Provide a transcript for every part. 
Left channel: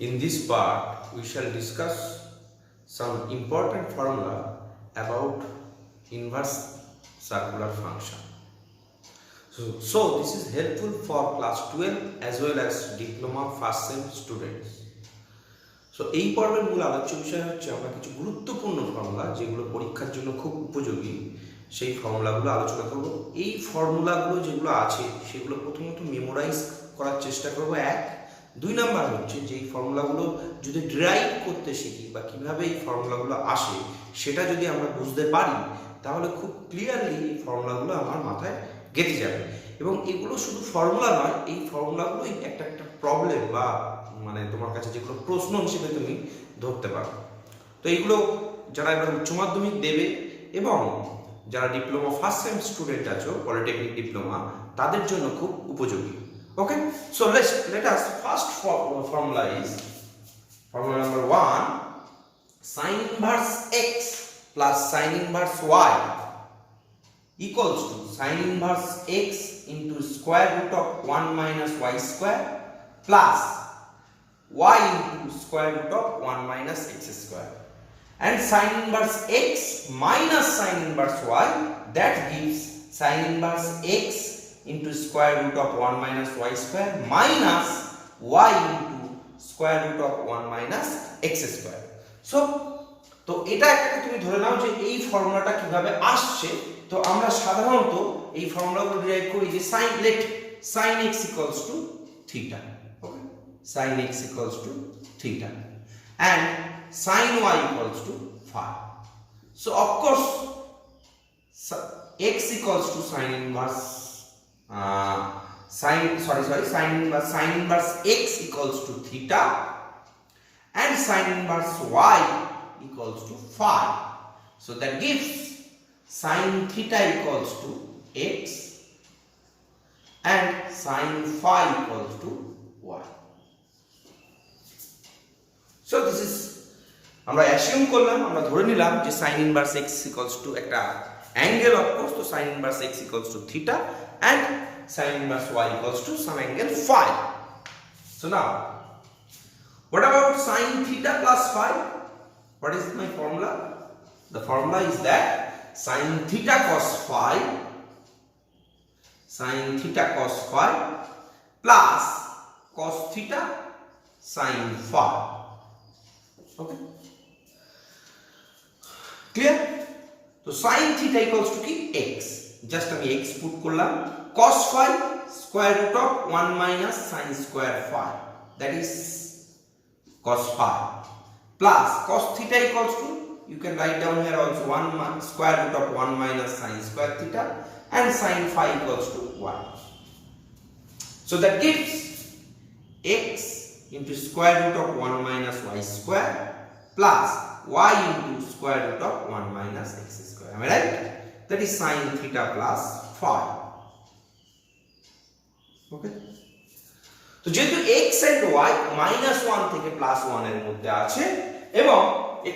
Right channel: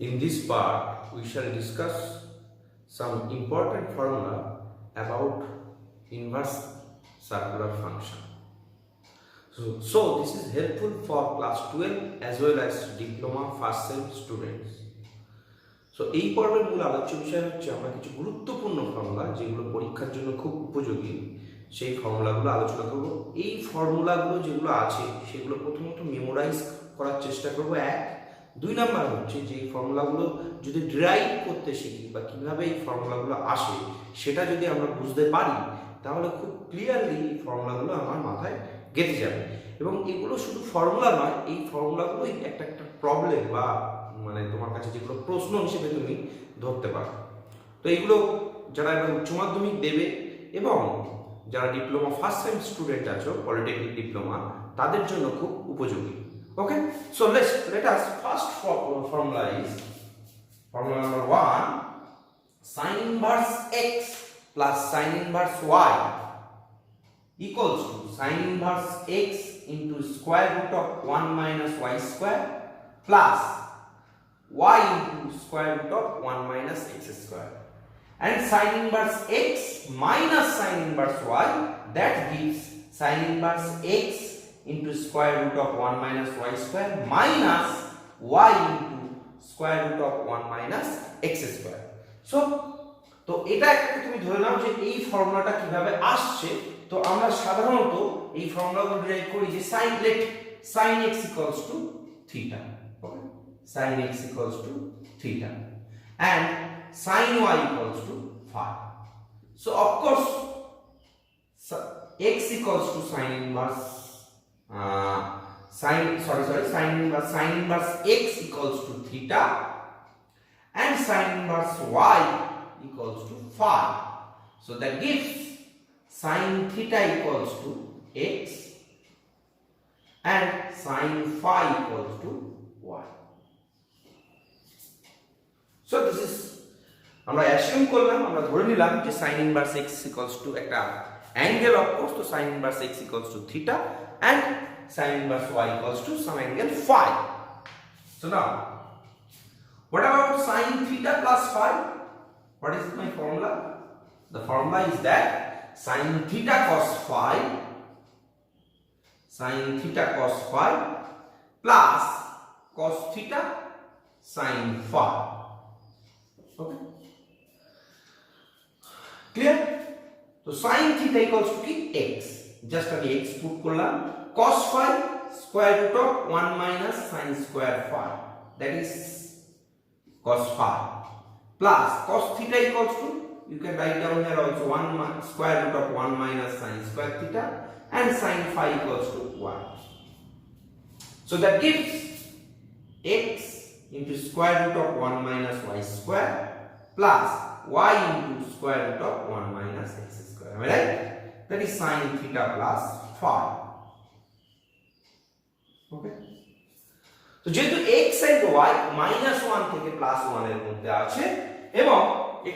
In this part, we shall discuss some important formula about inverse circular function. So this is helpful for class 12 as well as diploma first sem students. So এই পর্বের মূল আলোচ্য বিষয় হচ্ছে আমরা কিছু গুরুত্বপূর্ণ ফর্মুলা যেগুলো পরীক্ষার জন্য খুব উপযোগী সেই ফর্মুলাগুলো আলোচনা করব। এই ফর্মুলাগুলো যেগুলো আছে সেগুলো প্রথমত মেমোরাইজ করার চেষ্টা করব। দুই নাম্বার হচ্ছে যে এই ফর্মুলাগুলো যদি ডিরাইভ করতে শিখি বা কিভাবে এই ফর্মুলাগুলো আসে সেটা যদি আমরা বুঝতে পারি তাহলে খুব ক্লিয়ারলি এই ফর্মুলাগুলো আমার মাথায় গেঁথে যাবে। এবং এগুলো শুধু ফর্মুলা নয়, এই ফর্মুলাগুলোই একটা প্রবলেম বা মানে তোমার কাছে যেগুলো প্রশ্ন হিসেবে তুমি ধরতে পারো। তো এইগুলো যারা এবার উচ্চ মাধ্যমিক দেবে এবং যারা ডিপ্লোমা ফার্স্ট সেম স্টুডেন্ট আছো পলিটেকনিক ডিপ্লোমা তাদের জন্য খুব উপযোগী। Okay, so let us first formula is formula number 1, sin inverse x plus sin inverse y equals to sin inverse x into square root of 1 minus y square plus y into square root of 1 minus x square, and sin inverse x minus sin inverse y, that gives sin inverse x into square root of 1 minus y square minus y into square root of 1 minus x square. তো এটা একটা তুমি ধরে নাও যে এই ফর্মুলাটা কিভাবে আসছে। তো আমরা সাধারণত এই ফর্মুলাগুলো ডিরাইভ করি যে sin x equals to theta, okay, sin x equals to theta and sin y equals to phi. So of course x equals to sin inverse sin inverse x equals to theta and sin inverse y equals to phi. So that gives sin theta equals to x and sin phi equals to y. So this is আমরা assume করলাম, আমরা ধরে নিলাম যে sin inverse x equals to একটা angle, of course, so sin inverse x equals to theta and sin inverse y equals to some angle phi. So now, what about sin theta plus phi? What is my formula? The formula is that sin theta cos phi plus cos theta sin phi. Okay? Clear? So sin theta equals to কি x, just আমি x put করলাম, cos phi square root of 1 minus sin square phi, that is cos phi, plus cos theta equals to, you can write down here also, square root of 1 minus sin square theta and sin phi equals to 1. So that gives x into square root of 1 minus y square plus y into square root of 1 minus x square. Am I right? That is sin theta plus phi. Okay? তো যেহেতু x and y -1 থেকে +1 এর মধ্যে আছে এবং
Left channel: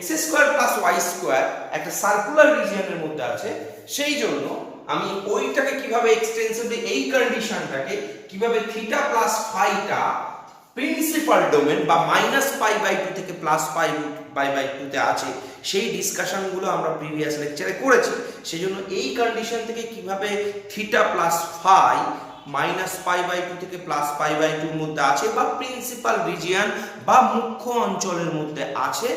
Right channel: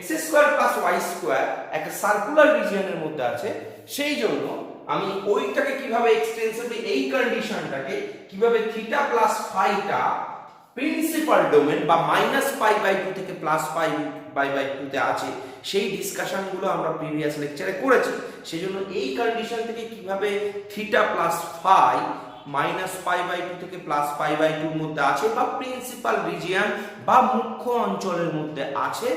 x square plus y square একটা circular রিজিয়নের মধ্যে আছে, সেই জন্য আমি ওইটাকে কিভাবে এক্সটেন্সিভলি এই কন্ডিশনটাকে কিভাবে থিটা প্লাস ফাইটা প্রিন্সিপাল ডোমেন বা -π/2 থেকে +π/2 তে আছে সেই ডিসকাশনগুলো আমরা প্রিভিয়াস লেকচারে করেছি। সেজন্য এই কন্ডিশন থেকে কিভাবে থিটা প্লাস ফাই -π/2 থেকে +π/2 এর মধ্যে আছে বা প্রিন্সিপাল রিজিয়ন বা মুখ্য অঞ্চলের মধ্যে আছে,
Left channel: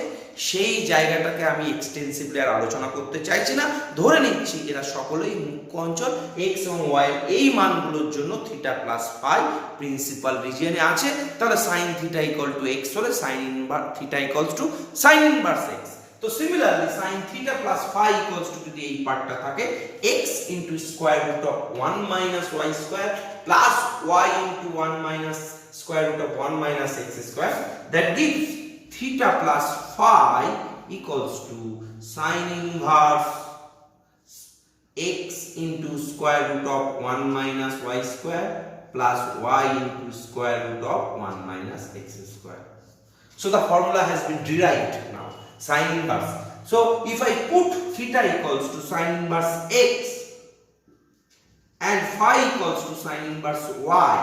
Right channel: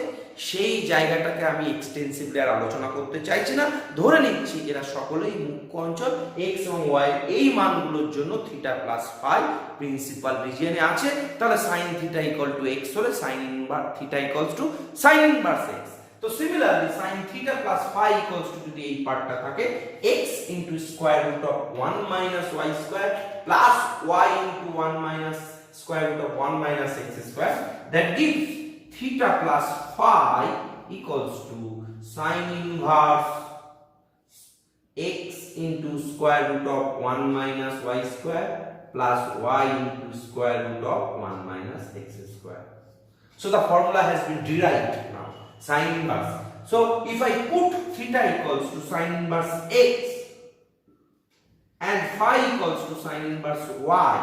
সেই জায়গাটাকে আমি এক্সটেন্সিভলি আর আলোচনা করতে চাইছি না। ধরে নিচ্ছি এরা সকলেই মুখ্য অঞ্চল, x এবং y এই মানগুলোর জন্য থিটা প্লাস ফাই প্রিন্সিপাল রিজিয়নে আছে। তাহলে sin theta equal to x হলে sin inverse theta equals to sin inverse x। তো similarly sin theta plus phi equals to যদি এই পার্টটা থাকে x into square root of 1 minus y square plus y into 1 minus square root of 1 minus x square, that gives theta plus phi equals to sin inverse x into square root of 1 minus y square plus y into square root of 1 minus x square. So the formula has been derived now, sin inverse. So if I put theta equals to sin inverse x and phi equals to sin inverse y,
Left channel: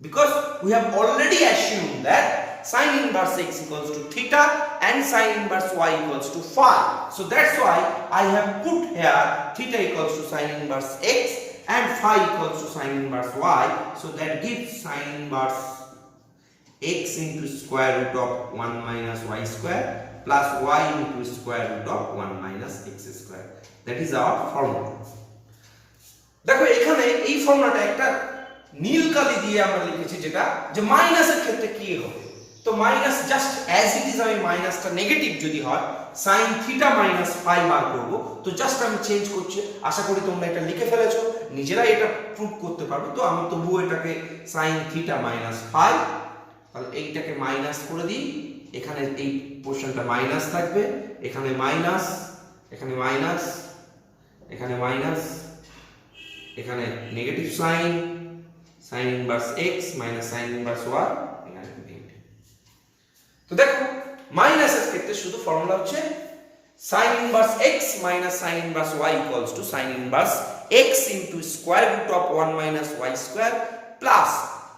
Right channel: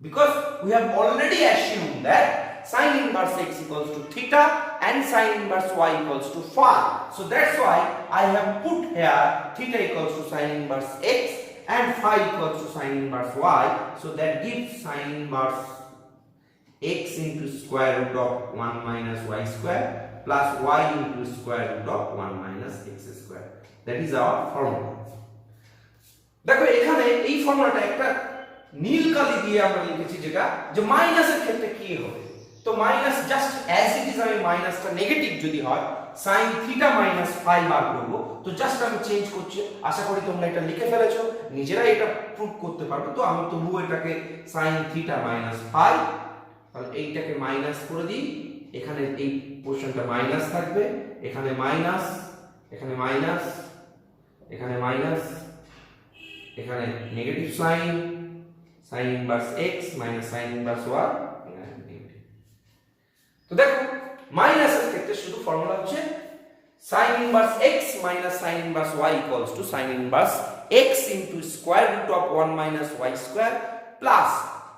because we have already assumed that sin inverse x equals to theta and sin inverse y equals to phi. So that's why I have put here theta equals to sin inverse x and phi equals to sin inverse y. So that gives sin inverse x into square root of 1 minus y square plus y into square root of 1 minus x square. That is our formula. দেখো এখানে এই ফর্মুলাটা একটা নীল কালি দিয়ে আমরা লিখেছি যেটা যে মাইনাসের ক্ষেত্রে কি হবে। তো minus just as it is আমি মাইনাসটা নেগেটিভ যদি হয় sin থিটা মাইনাস ফাই বার করব। তো জাস্ট আমি চেঞ্জ করছি, আশা করি তোমরা এটা লিখে ফেলেছো, নিজেরাই এটা প্রুভ করতে পারবে। তো আমি তবুও এটাকে sin থিটা মাইনাস ফাই, তাহলে এইটাকে মাইনাস করে দিই, এখানে এই পোরশনটা মাইনাস থাকবে, এখানে মাইনাস, এখানে মাইনাস, এখানে মাইনাস, এখানে negative sign sin inverse x minus sin inverse y, এখানে নেগেটিভ। তো দেখো মাইনাসের ক্ষেত্রে শুধু ফর্মুলা হচ্ছে sin inverse x minus sin inverse y equals to sin inverse x into square root of 1 minus y square plus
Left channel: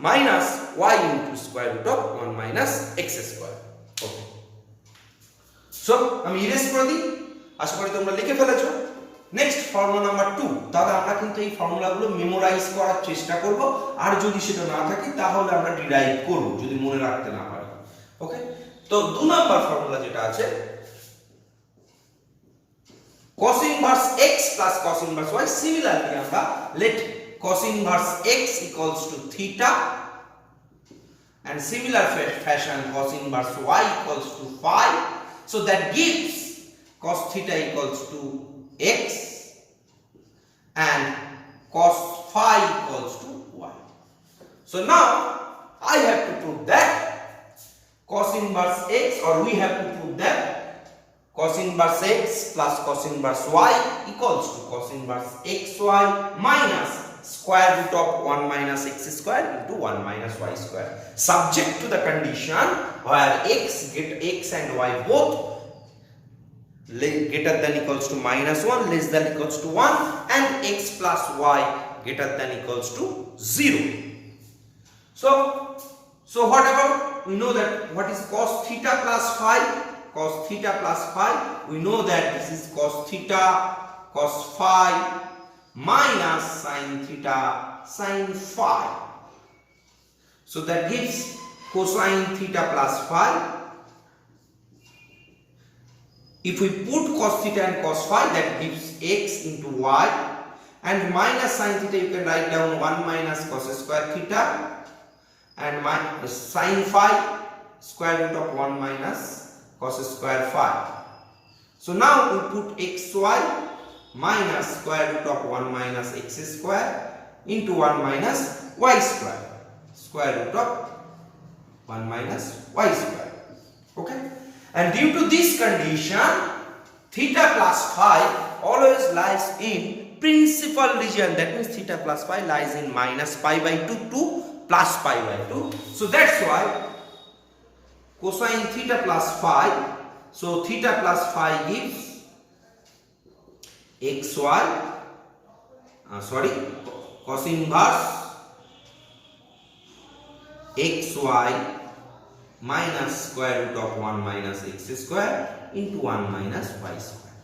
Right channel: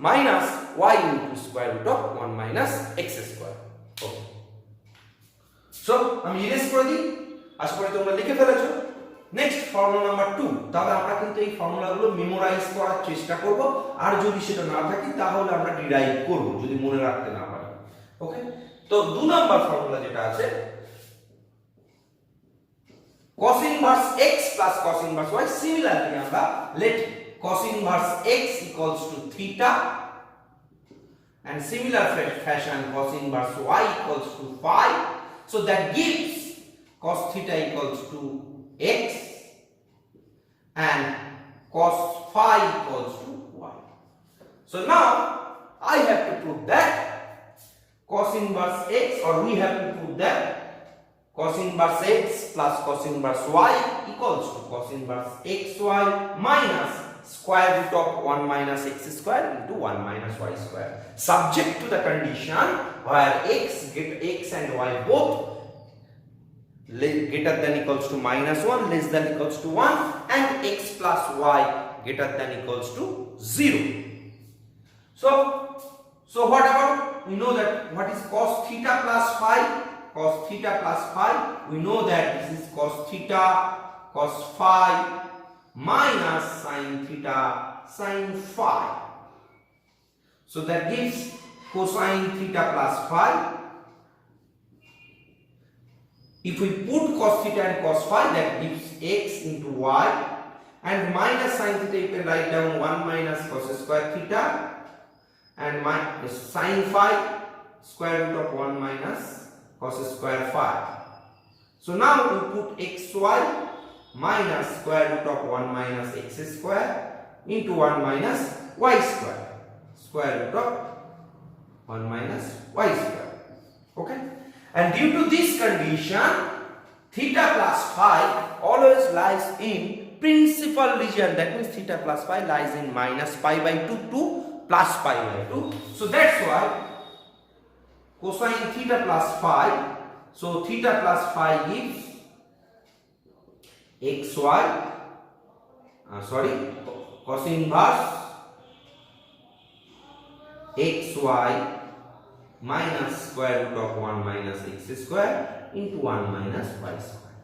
minus y into square root of 1 minus x square. Okay, so আমি erase করে দিই, আশা করি তোমরা লিখে ফেলেছো। Next formula number 2। তাহলে আমরা কিন্তু এই ফর্মুলাগুলো মেমোরাইজ করার চেষ্টা করব, আর যদি সেটা না থাকে তাহলে আমরা ডিরাইভ করব যদি মনে রাখতে না পারি। ওকে, তো 2 নাম্বার ফর্মুলা যেটা আছে cos inverse x plus cos inverse y, similarly আমরা let cos inverse x equals to theta and similar fashion cos inverse y equals to phi. So that gives cos theta equals to x and cos phi equals to y. So now I have to prove that cos inverse x, or we have to prove that cos inverse x plus cos inverse y equals to cos inverse xy minus square root of 1 minus x square into 1 minus y square, subject to the condition where x and y both greater than equals to minus 1 less than equals to 1 and x plus y greater than equals to 0. So what about, we know that what is cos theta plus phi? Cos theta plus phi, we know that this is cos theta cos phi minus sin theta sin phi. So that gives cosine theta plus phi. If we put cos theta and cos phi, that gives x into y, and minus sin theta you can write down 1 minus cos square theta and minus sin phi square root of 1 minus cos square phi. So now we put xy minus square root of 1 minus x square into 1 minus y square, square root of 1 minus y square. Okay, and due to this condition theta plus phi always lies in principal region, that means theta plus phi lies in minus pi by 2 to plus pi by 2. So that's why cosine theta plus phi, so theta plus phi gives xy, cos inverse xy minus square root of 1 minus x square into 1 minus y square,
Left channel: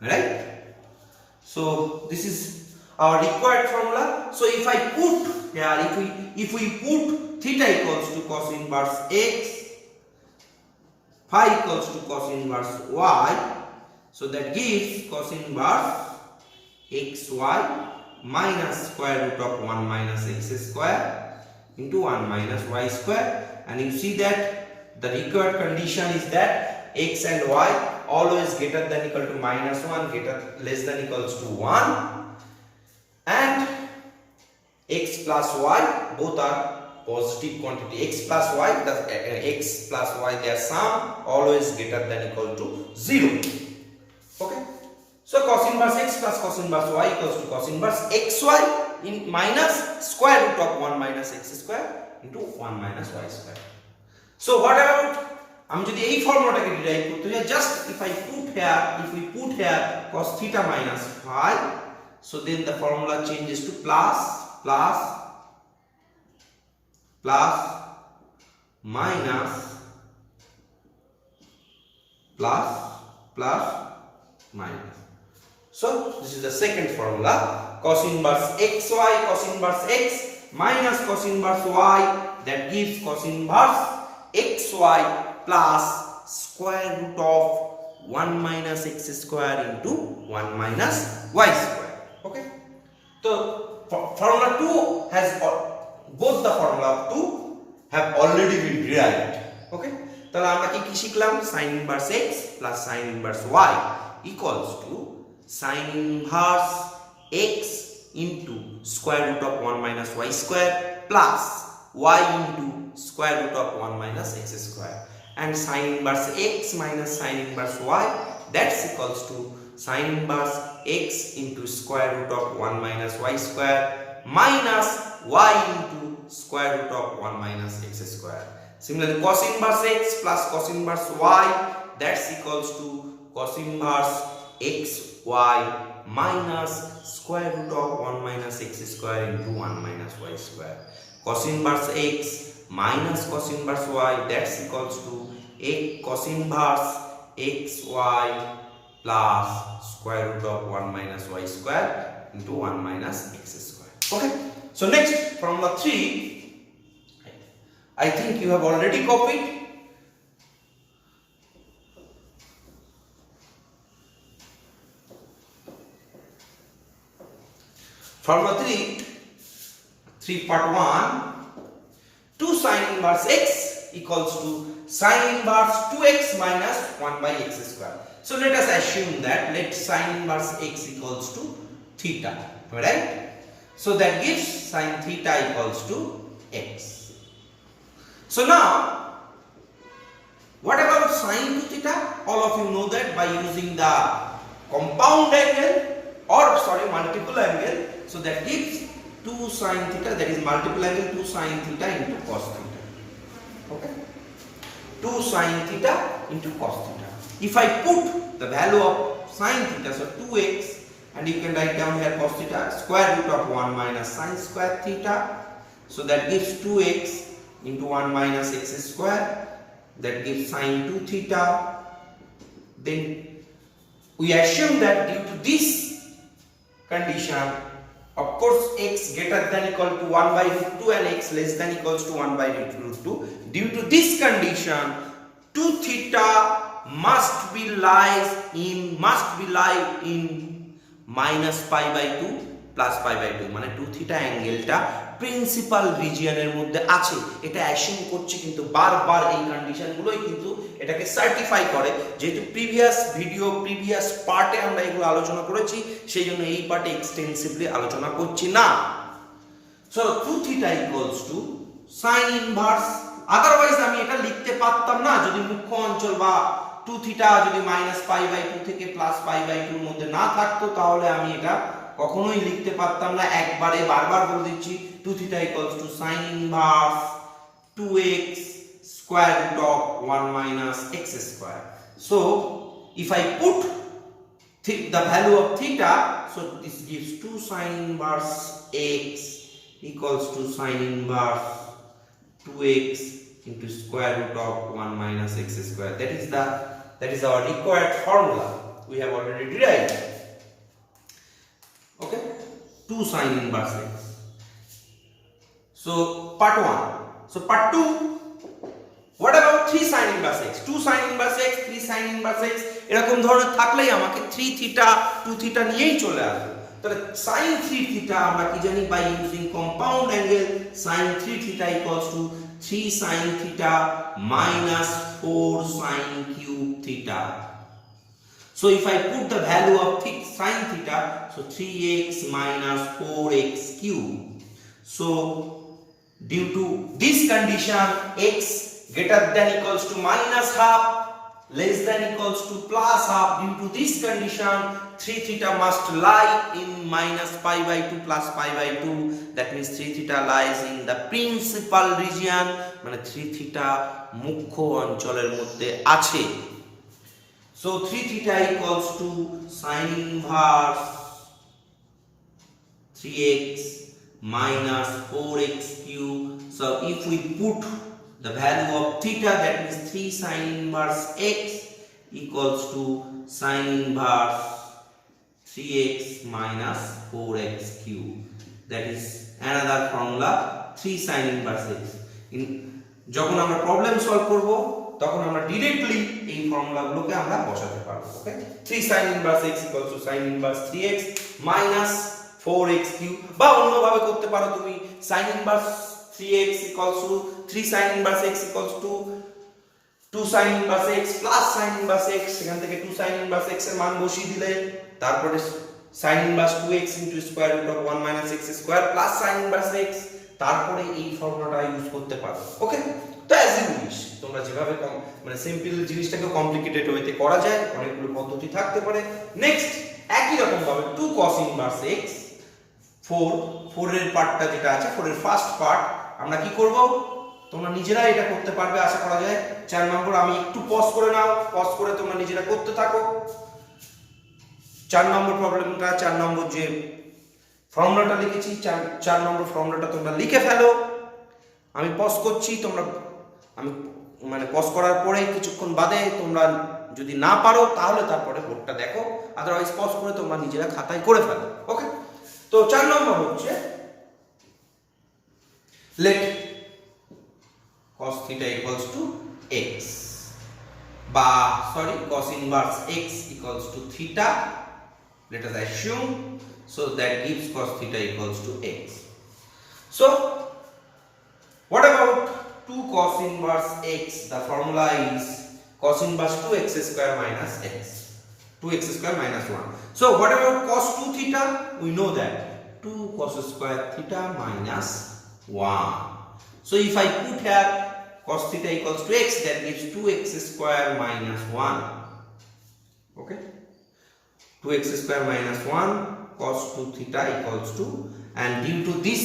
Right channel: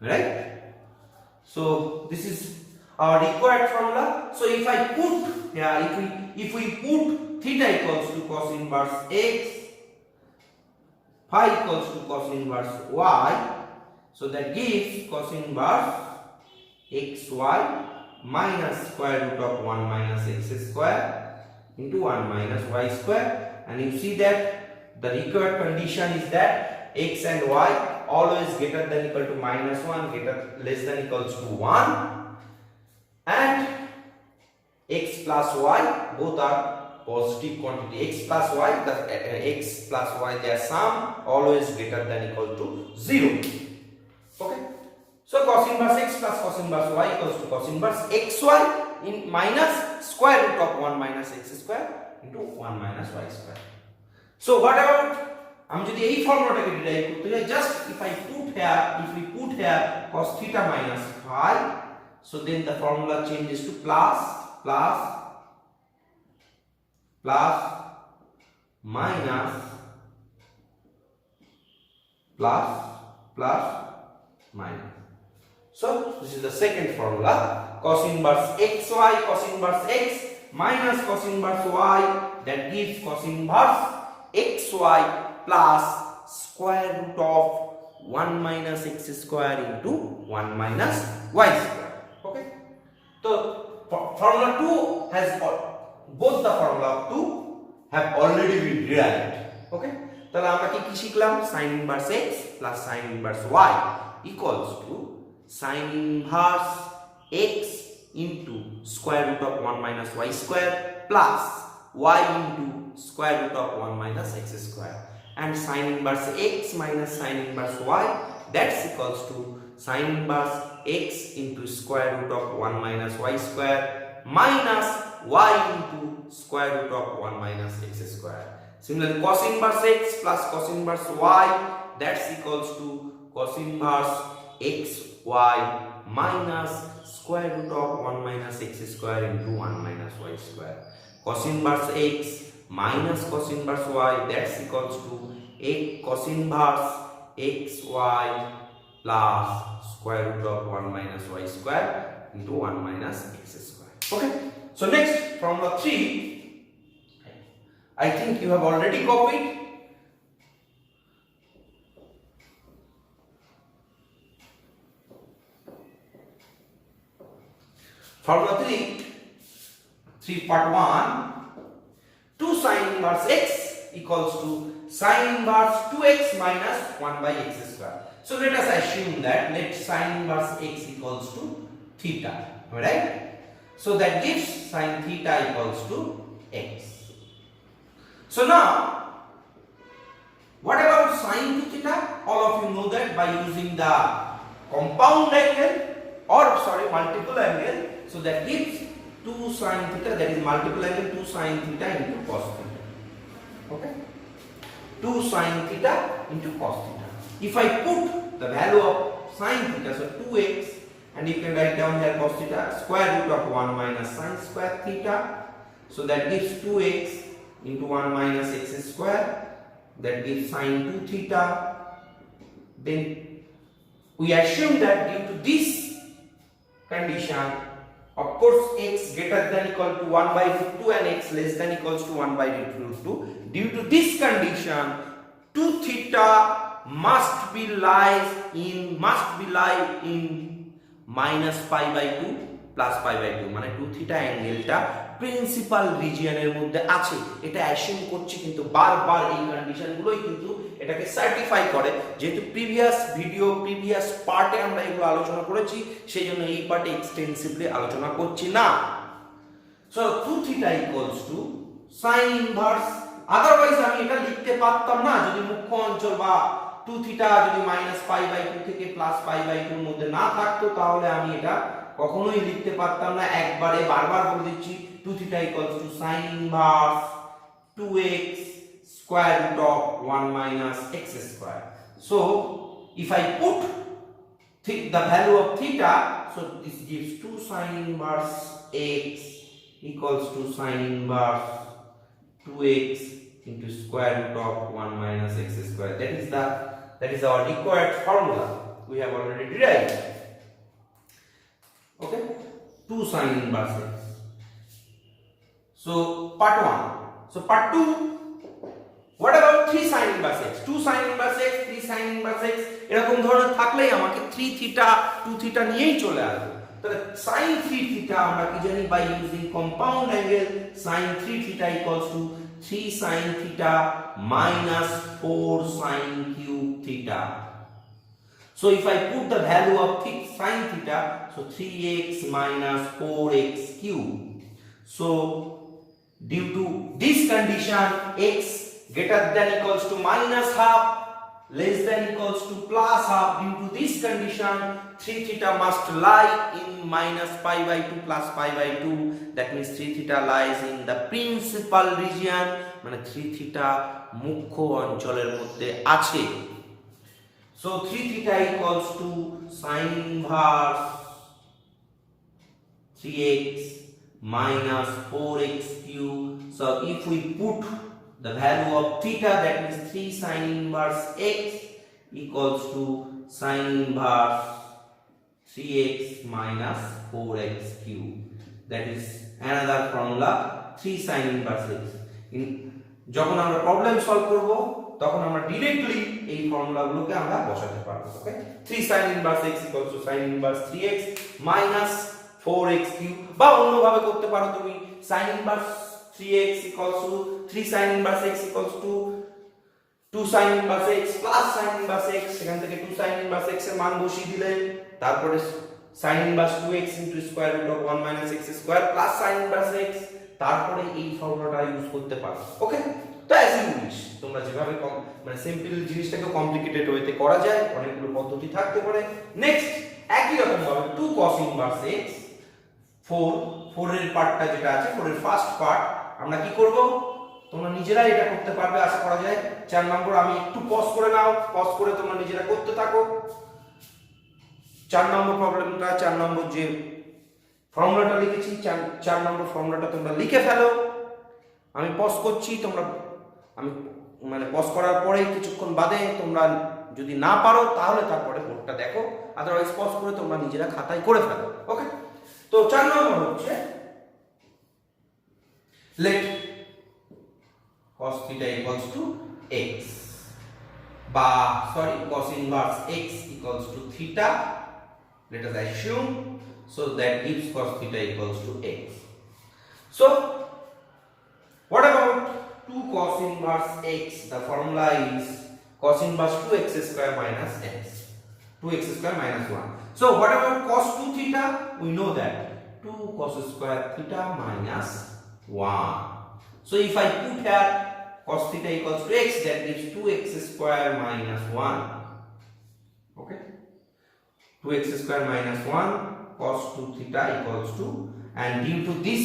right? So this is our required formula. So if I put here, if we put theta equals to cos inverse x, phi equals to cos inverse y, so that gives cos inverse xy minus square root of 1 minus x square into 1 minus y square. And you see that the required condition is that x and y always greater than equal to minus 1, less than equals to 1, and x plus y both are positive quantity. X plus y, their sum always greater than equal to 0. Okay, so cos inverse x plus cos inverse y equals to cos inverse xy in minus square root of 1 minus x square into 1 minus y square. So what about, আমি যদি এই ফর্মুলাটাকে derive করতে যাই, just if we put here cos theta minus phi, so then the formula changes to plus minus plus plus minus. So this is the second formula. Cos inverse xy, cos inverse x minus cos inverse y, that gives cos inverse xy plus square root of 1 minus x square into 1 minus y square. Okay, so formula 2 has both the formula of 2 have already been derived. Okay, তাহলে আমরা কি শিখলাম? sin inverse x plus sin inverse y equals to sin inverse x into square root of 1 minus y square plus y into square root of 1 minus x square, and sin inverse x minus sin inverse y, that's equals to sin inverse x into square root of 1 minus y square minus y into square root of 1 minus x square. Similarly, cos inverse x plus cos inverse y, that's equals to cos inverse xy minus square root of 1 minus x square into 1 minus y square. Cos inverse x minus cos inverse y, that's equals to cos inverse xy plus square root of 1 minus y square into 1 minus x square. Okay, so next formula 3, I think you have already copied. Formula 3 part 1, 2 sin inverse x equals to sin inverse 2x minus 1 by x square. So let us assume that let sin inverse x equals to theta, right? So that gives sin theta equals to x. So now, what about sin 2 theta? All of you know that by using the compound angle or multiple angle. So that gives 2 sin theta, that is multiple angle 2 sin theta into cos theta. Okay, 2 sin theta into cos theta. If I put the value of sin theta, so 2x, and you can write down here cos theta, square root of 1 minus sin square theta, so that gives 2x into 1 minus x square, that gives sin 2 theta. Then we assume that due to this condition, of course x greater than equal to 1 by root 2 and x less than equals to 1 by root 2, due to this condition 2 theta must be lie in minus pi by 2 plus pi by 2, মানে 2 theta অ্যাঙ্গেলটা principal রিজিয়নের মধ্যে আছে, এটা assume করছি, কিন্তু বারবার এই কন্ডিশনগুলোই কিন্তু এটাকে সার্টিফাই করে। যেহেতু প্রিভিয়াস ভিডিও প্রিভিয়াস পার্টে আমরা এগুলো আলোচনা করেছি, সেই জন্য এই পার্টে এক্সটেন্সিভলি আলোচনা করছি না। So 2 theta equals to sin inverse, otherwise আমি এটা লিখতে পারতাম না যদি মুখ্য অঞ্চল বা 2 থিটা যদি মাইনাস পাই বাই 2 থেকে প্লাস পাই বাই 2 এর মধ্যে না থাকতো, তাহলে আমি এটা কখনোই লিখতে পারতাম না। একবারে বারবার বলে দিচ্ছি 2 theta equals to sin inverse 2x square root of 1 minus x square. So if I put the value of theta, so this gives 2 sin inverse x equals to sin inverse 2x into square root of 1 minus x square. That is our required formula. We have already derived. Okay, 2 sin inverse x. So part 1. So part 2, what about 3 sin inverse x? 2 sin inverse x, 3 sin inverse x এরকম ধরনের থাকলেই আমাকে 3 theta 2 theta নিয়েই চলে আসবে। তাহলে sin 3 theta আমরা কি জানি, by using compound angle sin 3 theta equals to 3 sin theta minus 4 sin cube theta. So if I put the value of sin theta, so 3x minus 4x cube. So due to this condition, x greater than equals to minus half, less than equals to plus half, due to this condition 3 theta must lie in minus pi by 2 plus pi by 2. That means 3 theta lies in the principal region, মানে 3 theta মুখ্য অঞ্চলের মধ্যে আছে। So 3 theta equals to sin inverse 3x minus 4x cube. So if we put the value of theta, that means 3 sin inverse x equals to sin inverse 3x minus 4x cube. That is another formula, 3 sin inverse x. যখন আমরা problem solve করব তখন আমরা directly এই ফর্মুলাগুলোকে আমরা বসাতে পারবো। ওকে, 3 sin inverse x equals to sin inverse 3x minus 4x cube, বা অন্যভাবে করতে পারো তুমি sin inverse 3x equals to 3 sin inverse x equals to 2 sin inverse x plus sin inverse x, সেখান থেকে 2 sin inverse x এর মান বসিয়ে দিলে তারপরে sin inverse 2x into square root of 1 minus x square plus sin inverse x, তারপরে এই ফর্মুলাটা ইউজ করতে পারো। ওকে, তো অ্যাজ ইউ উইশ, তোমরা যেভাবে মানে সিম্পল জিনিসটাকে কমপ্লিকেটেড ওয়েতে করা যায়, অনেকগুলো পদ্ধতি থাকতে পারে। নেক্সট একই রকম ভাবে 2 cos inverse x, 4 এর পার্টটা যেটা আছে, 4 এর ফার্স্ট পার্ট আমরা কি করব, তোমরা নিজেরাই এটা করতে পারবে আশা করা যায়। 4 নম্বর আমি একটু পজ করে নাও, পজ করে তোমরা নিজেরা করতে থাকো। 4 নম্বর প্রবলেমটা, 4 নম্বর যে ফর্মুলাটা লিখেছি, 4 নম্বর ফর্মুলাটা তোমরা লিখে ফেলো। আমি পজ করছি, তোমরা আমি মানে পজ করার পরে কিছুক্ষণ বাদে তোমরা যদি না পারো তাহলে তারপরে বোর্ডটা দেখো, আদারওয়াইজ পজ করে তোমরা নিজেরা খাতায় করে ফেলো। ওকে, তো 4 নম্বর হচ্ছে let cos theta equals to x, বা sorry cos inverse x equals to theta, let us assume, so that gives cos theta equals to x. So what about 2 cos inverse x? The formula is cos inverse 2x square minus x, 2x square minus 1. So what about cos 2 theta? We know that 2 cos square theta minus 1. So if I put here cos theta equals to x, that gives 2x square minus 1. Okay, 2x square minus 1 cos 2 theta equals to, and due to this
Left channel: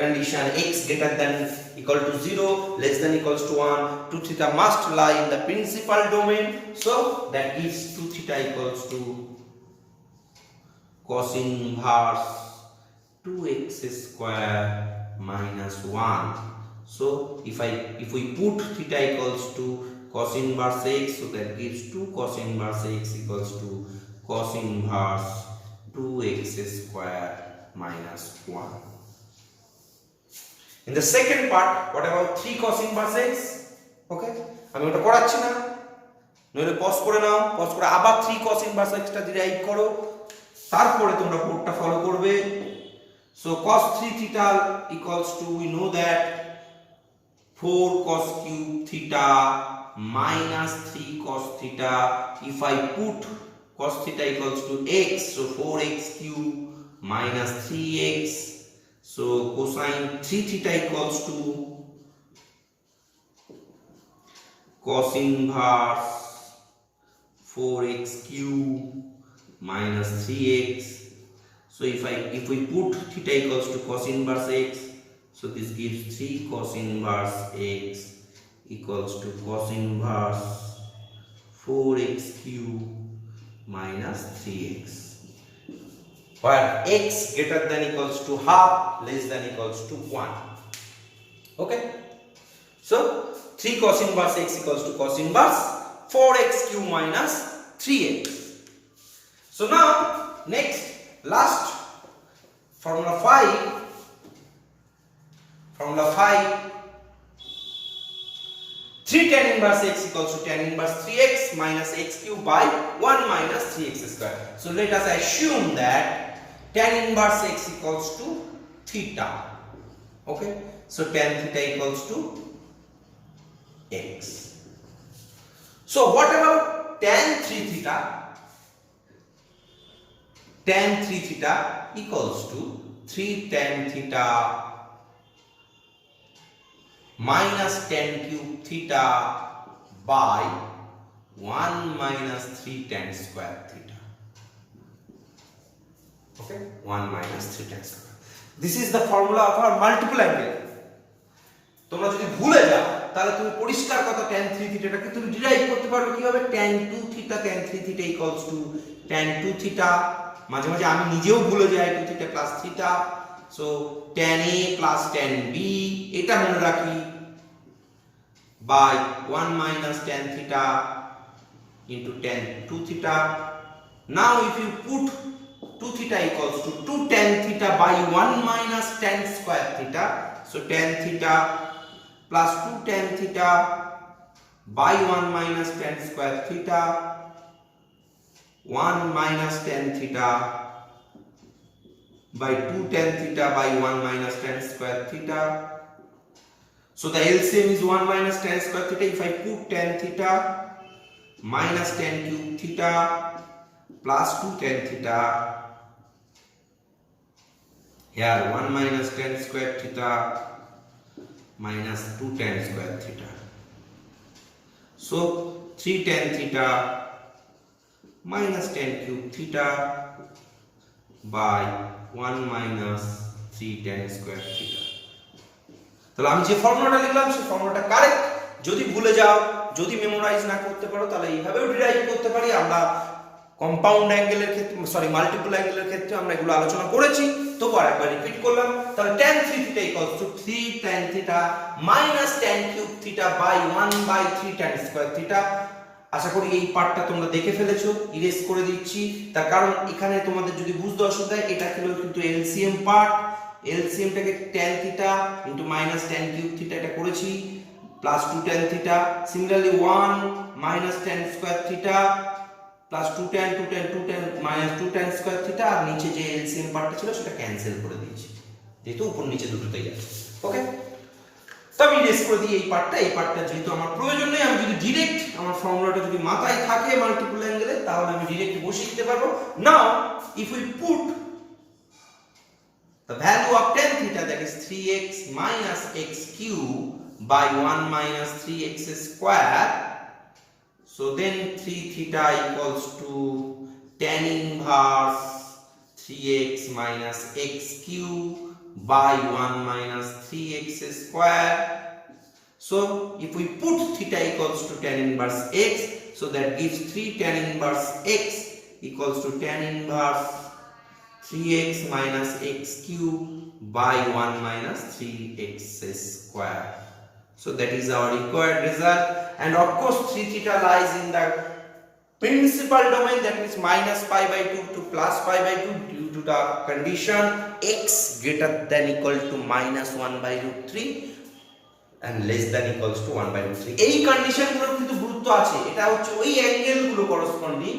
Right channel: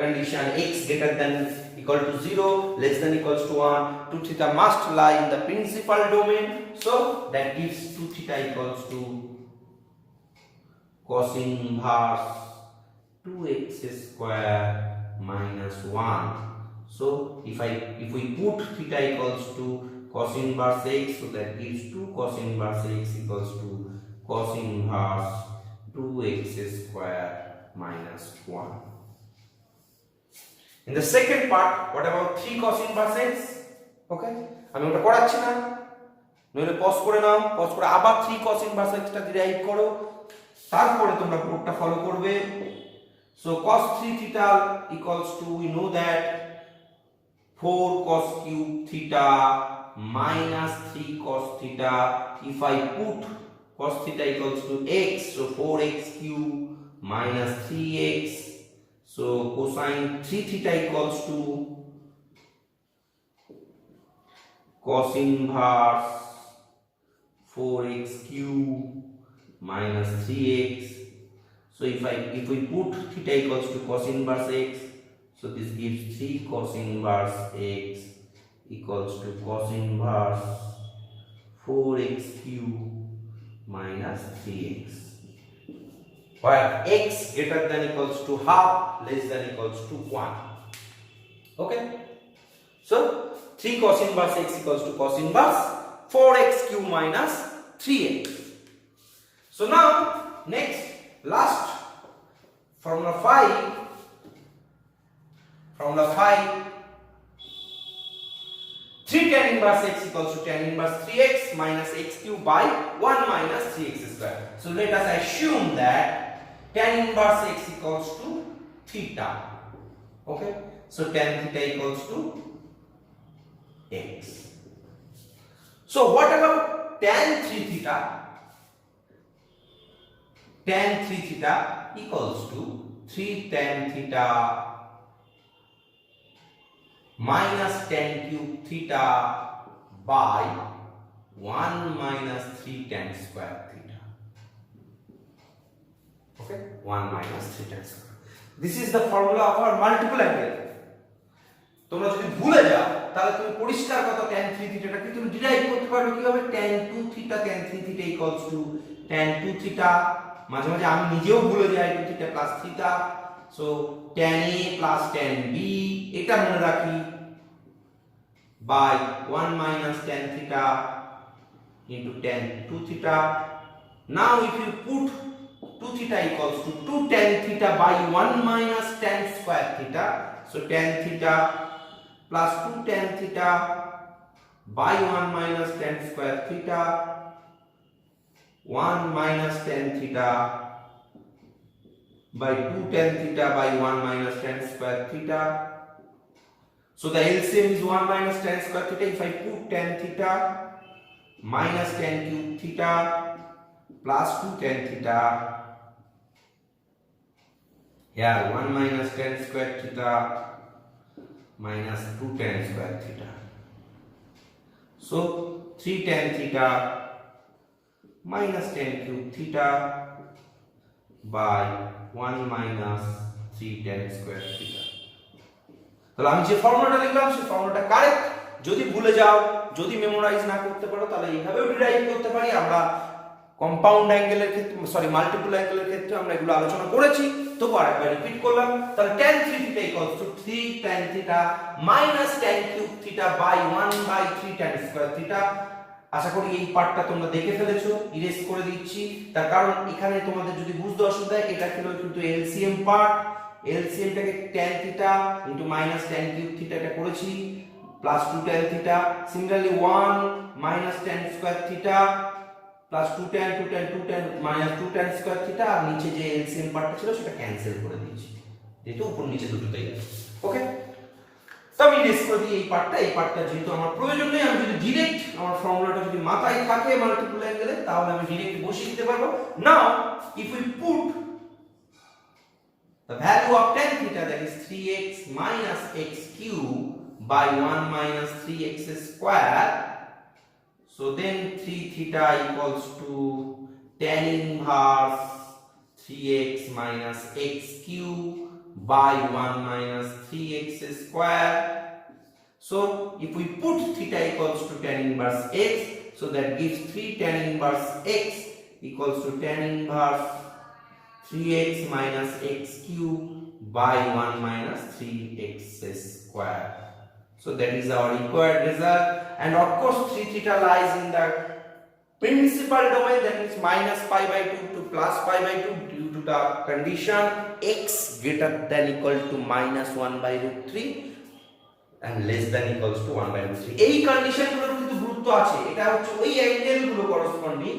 condition x greater than equal to 0, less than equals to 1, 2 theta must lie in the principal domain, so that gives 2 theta equals to cos inverse 2x square minus 1. So if we put theta equals to cos inverse x, so that gives 2 cos inverse x equals to cos inverse 2x square minus 1. In the second part, what about 3 cos inverse x? Okay, আমি ওটা করাচ্ছি না, নইলে pause করে নাও, pause করে আবার 3 cos inverse x টা derive করো, তারপরে তোমরা বোর্ডটা ফলো করবে। So cos 3 theta equals to, we know that 4 cos cube theta minus 3 cos theta. If I put cos theta equals to x, so 4x cube minus 3x, so cosine 3 theta equals to cos inverse 4x cube minus 3x. So if we put theta equals to cos inverse x, so this gives 3 cos inverse x equals to cos inverse 4x cube minus 3x, where x greater than equals to half, less than equals to 1. Okay, so 3 cos inverse x equals to cos inverse 4x cube minus 3x. So now next, last formula 5, 3 tan inverse x equals to tan inverse 3x minus x cube by 1 minus 3x square. So let us assume that tan inverse x equals to theta. Okay, so tan theta equals to x. So what about tan 3 theta? Tan 3 theta equals to 3 tan theta minus tan cube theta by 1 minus 3 tan square theta. Okay, 1 minus 3 tan square. This is the formula of our multiple angle. তোমরা যদি ভুলে যাও তাহলে তুমি পরিষ্কার কথা tan 3 থিটাটাকে তুমি derive করতে পারবে কিভাবে, tan 2 theta tan 3 theta equals two tan 2 theta, মাঝে মাঝে আমি নিজেও ভুলে যাই 2 theta plus theta, so tan a plus tan b, এটা মনে রাখি by 1 minus tan theta into tan 2 theta. Now if you put 2 theta equals to 2 tan theta by 1 minus tan square theta, so tan theta plus 2 tan theta by 1 minus tan square theta, 1 minus tan theta by 2 tan theta by 1 minus tan square theta. So the LCM is 1 minus tan square theta. If I put tan theta minus tan cube theta plus 2 tan theta, here 1 minus tan square theta minus 2 tan square theta. So 3 tan theta minus tan cube theta by 1 minus 3 tan square theta. তাহলে আমি যে ফর্মুলাটা লিখলাম সেই ফর্মুলাটা correct. যদি ভুলে যাও, যদি মেমোরাইজ না করতে পারো, তাহলে এইভাবেও ডিরাইভ করতে পারি। আমরা কম্পাউন্ড অ্যাঙ্গেলের ক্ষেত্রে মাল্টিপল অ্যাঙ্গেলের ক্ষেত্রে আমরা এগুলো আলোচনা করেছি, তবু আরেকবার রিপিট করলাম। তাহলে tan 3 theta equals to 3 tan theta minus tan cube theta by 1 by 3 tan square theta। আশা করি এই পার্টটা তোমরা দেখে ফেলেছো, ইরেজ করে দিচ্ছি। তার কারণ এখানে তোমাদের যদি বুঝতে অসুবিধা হয়, এটা কিন্তু এলসিএম পার্ট। এলসিএমটাকে tan theta into minus tan cube theta এটা করেছি plus 2 tan theta, similarly 1 minus tan square theta plus 2 tan minus 2 tan square theta, আর নিচে যে এলসিএম পার্টটা ছিল সেটা ক্যান্সেল করে দিয়েছি, যেহেতু উপর নিচে দুটোতেই আছে। ওকে, তো আমি ইরেজ করে দিই এই পার্টটা যেহেতু আমার প্রয়োজন নেই। আমি যদি ডিরেক্ট আমার ফর্মুলাটা যদি মাথায় থাকে মাল্টিপল অ্যাঙ্গেলে, তাহলে আমি ডিরেক্ট বসিয়ে দিতে পারবো। নাও if we put the value of tan theta, that is 3x minus x cube by 1 minus 3x square, so then 3 theta equals to tan inverse 3x minus x cube by 1 minus 3x square. So if we put theta equals to tan inverse x, so that gives 3 tan inverse x equals to tan inverse 3x minus x cube by 1 minus 3x square. So that is our required result, and of course 3 theta lies in the principal domain, that means minus pi by 2 to plus pi by 2 due to the condition x greater than equal to minus 1 by root 3 and less than equals to 1 by root 3. এই কন্ডিশনগুলোর কিন্তু গুরুত্ব আছে। এটা হচ্ছে ওই অ্যাঙ্গেলগুলো corresponding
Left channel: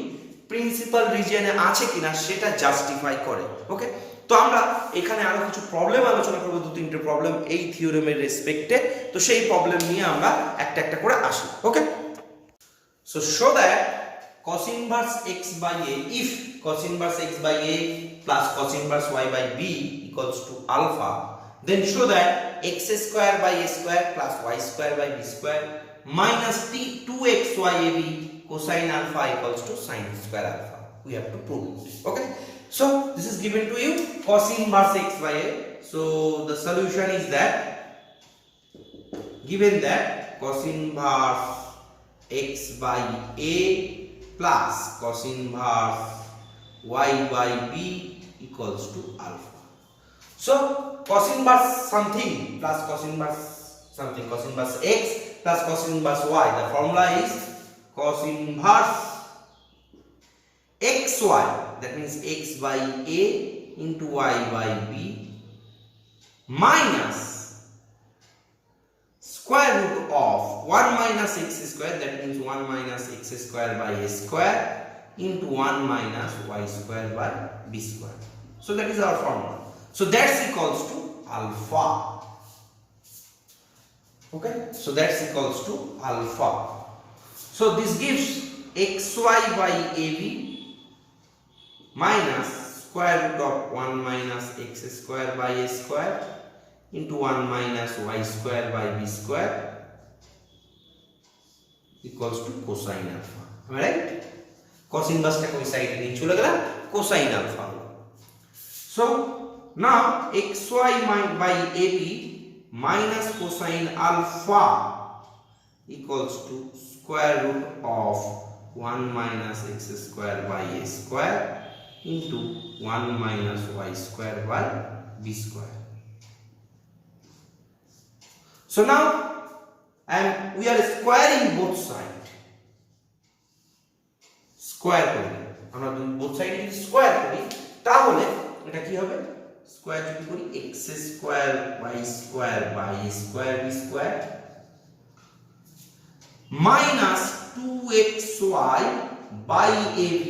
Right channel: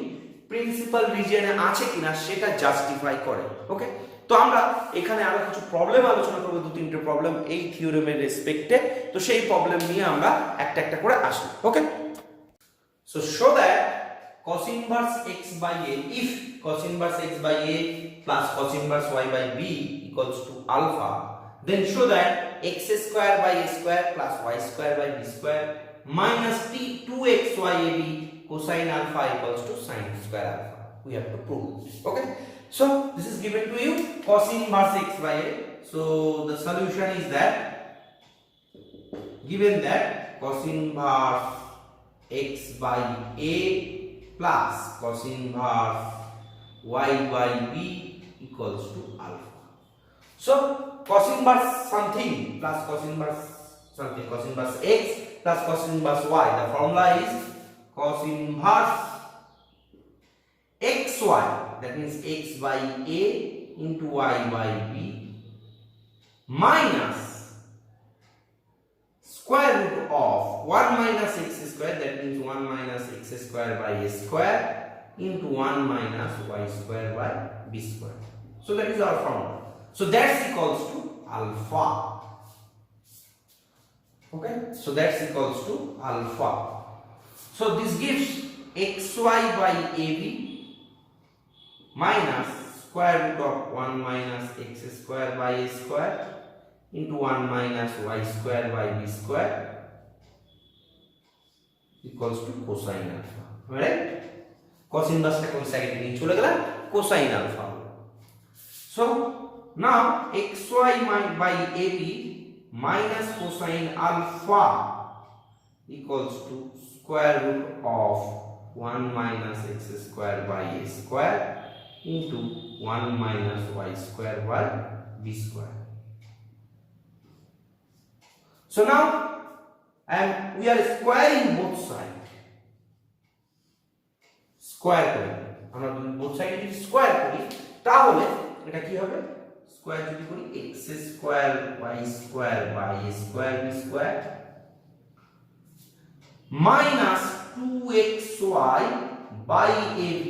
principal রিজিয়নে আছে কিনা সেটা জাস্টিফাই করে। ওকে, তো আমরা এখানে আরো কিছু প্রবলেম আলোচনা করব, 2-3টে প্রবলেম এই থিওরেমের রেসপেক্টে। তো সেই প্রবলেম নিয়ে আমরা একটা একটা করে আসি। Okay, so show that cos inverse x by a, if cos inverse x by a plus cos inverse y by b equals to alpha, then show that x square by a square plus y square by b square minus 2xy ab cosine alpha equals to sine square alpha. We have to prove it. Okay, so this is given to you, cos inverse x by a. So the solution is that, given that cos inverse x by a plus cos inverse y by b equals to alpha. So cos inverse something plus cos inverse something, cos inverse x plus cos inverse y, the formula is cos inverse xy, that means x by a into y by b minus square root of 1 minus x square, that means 1 minus x square by a square into 1 minus y square by b square. So that is our formula. So that's equals to alpha. Okay, so that's equals to alpha. So this gives xy by ab minus square root of 1 minus x square by a square into 1 minus y square by b square equals to cosine alpha. Am I right? Cos inverse ta koi side niye chole gela, cosine alpha. So now xy by ab minus cosine alpha equals to square root of 1 minus x square by a square into 1 minus y square by b square. So now and we are squaring both side. Square করি, আমরা যদি both side যদি square করি তাহলে এটা কি হবে, square যদি করি x square y square by a square b square minus 2xy by ab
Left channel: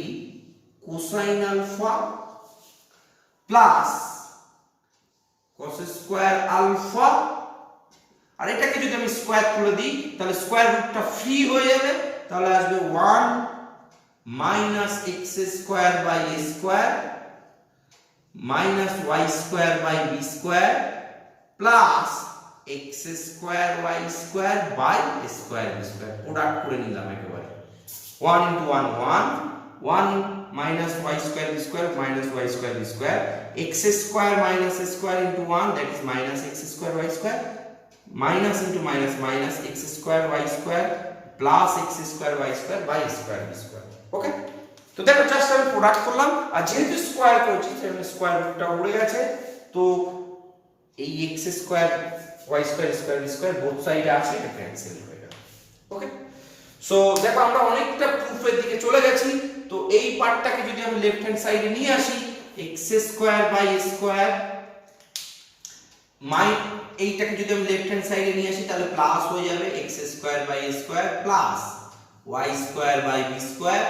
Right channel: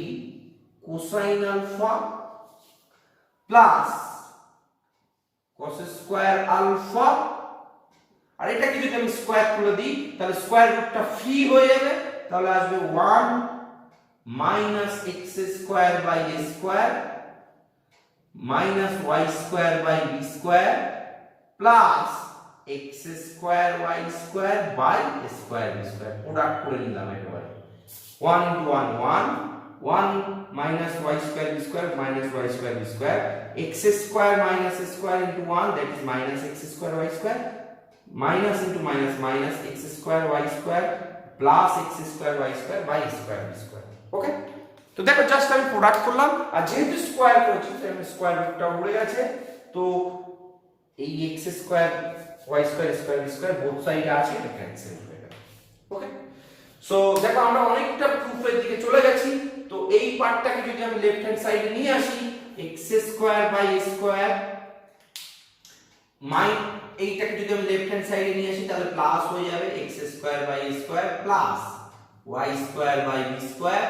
cosine alpha plus cos square alpha, আর এটাকে যদি আমি স্কয়ার করে দিই তাহলে স্কয়ার রুটটা ফ্রি হয়ে যাবে, তাহলে আসবে 1 minus x square by a square minus y square by b square plus x square y square by a square b square. Product করে নিলাম একেবারে 1 into 1 1 minus y square b square minus y square b square, x square minus a square into 1, that is minus x square y square, minus into minus minus x square y square plus x square y square by square b square। ওকে, তো দেখো just আমি product করলাম, আর যেহেতু square করেছি তাহলে square রুটটা উড়ে গেছে, তো এই x square y square square b square both সাইডে আছে, এটা ক্যান্সেল হয়ে গেল। ওকে, সো দেখো আমরা অনেকটা প্রুফের দিকে চলে গেছি। তো এই পার্টটাকে যদি আমি লেফট হ্যান্ড সাইডে নিয়ে আসি, x square by a square এইটাকে যদি আমি লেফট হ্যান্ড সাইডে নিয়ে আসি তাহলে প্লাস হয়ে যাবে x square by a square plus y square by b square,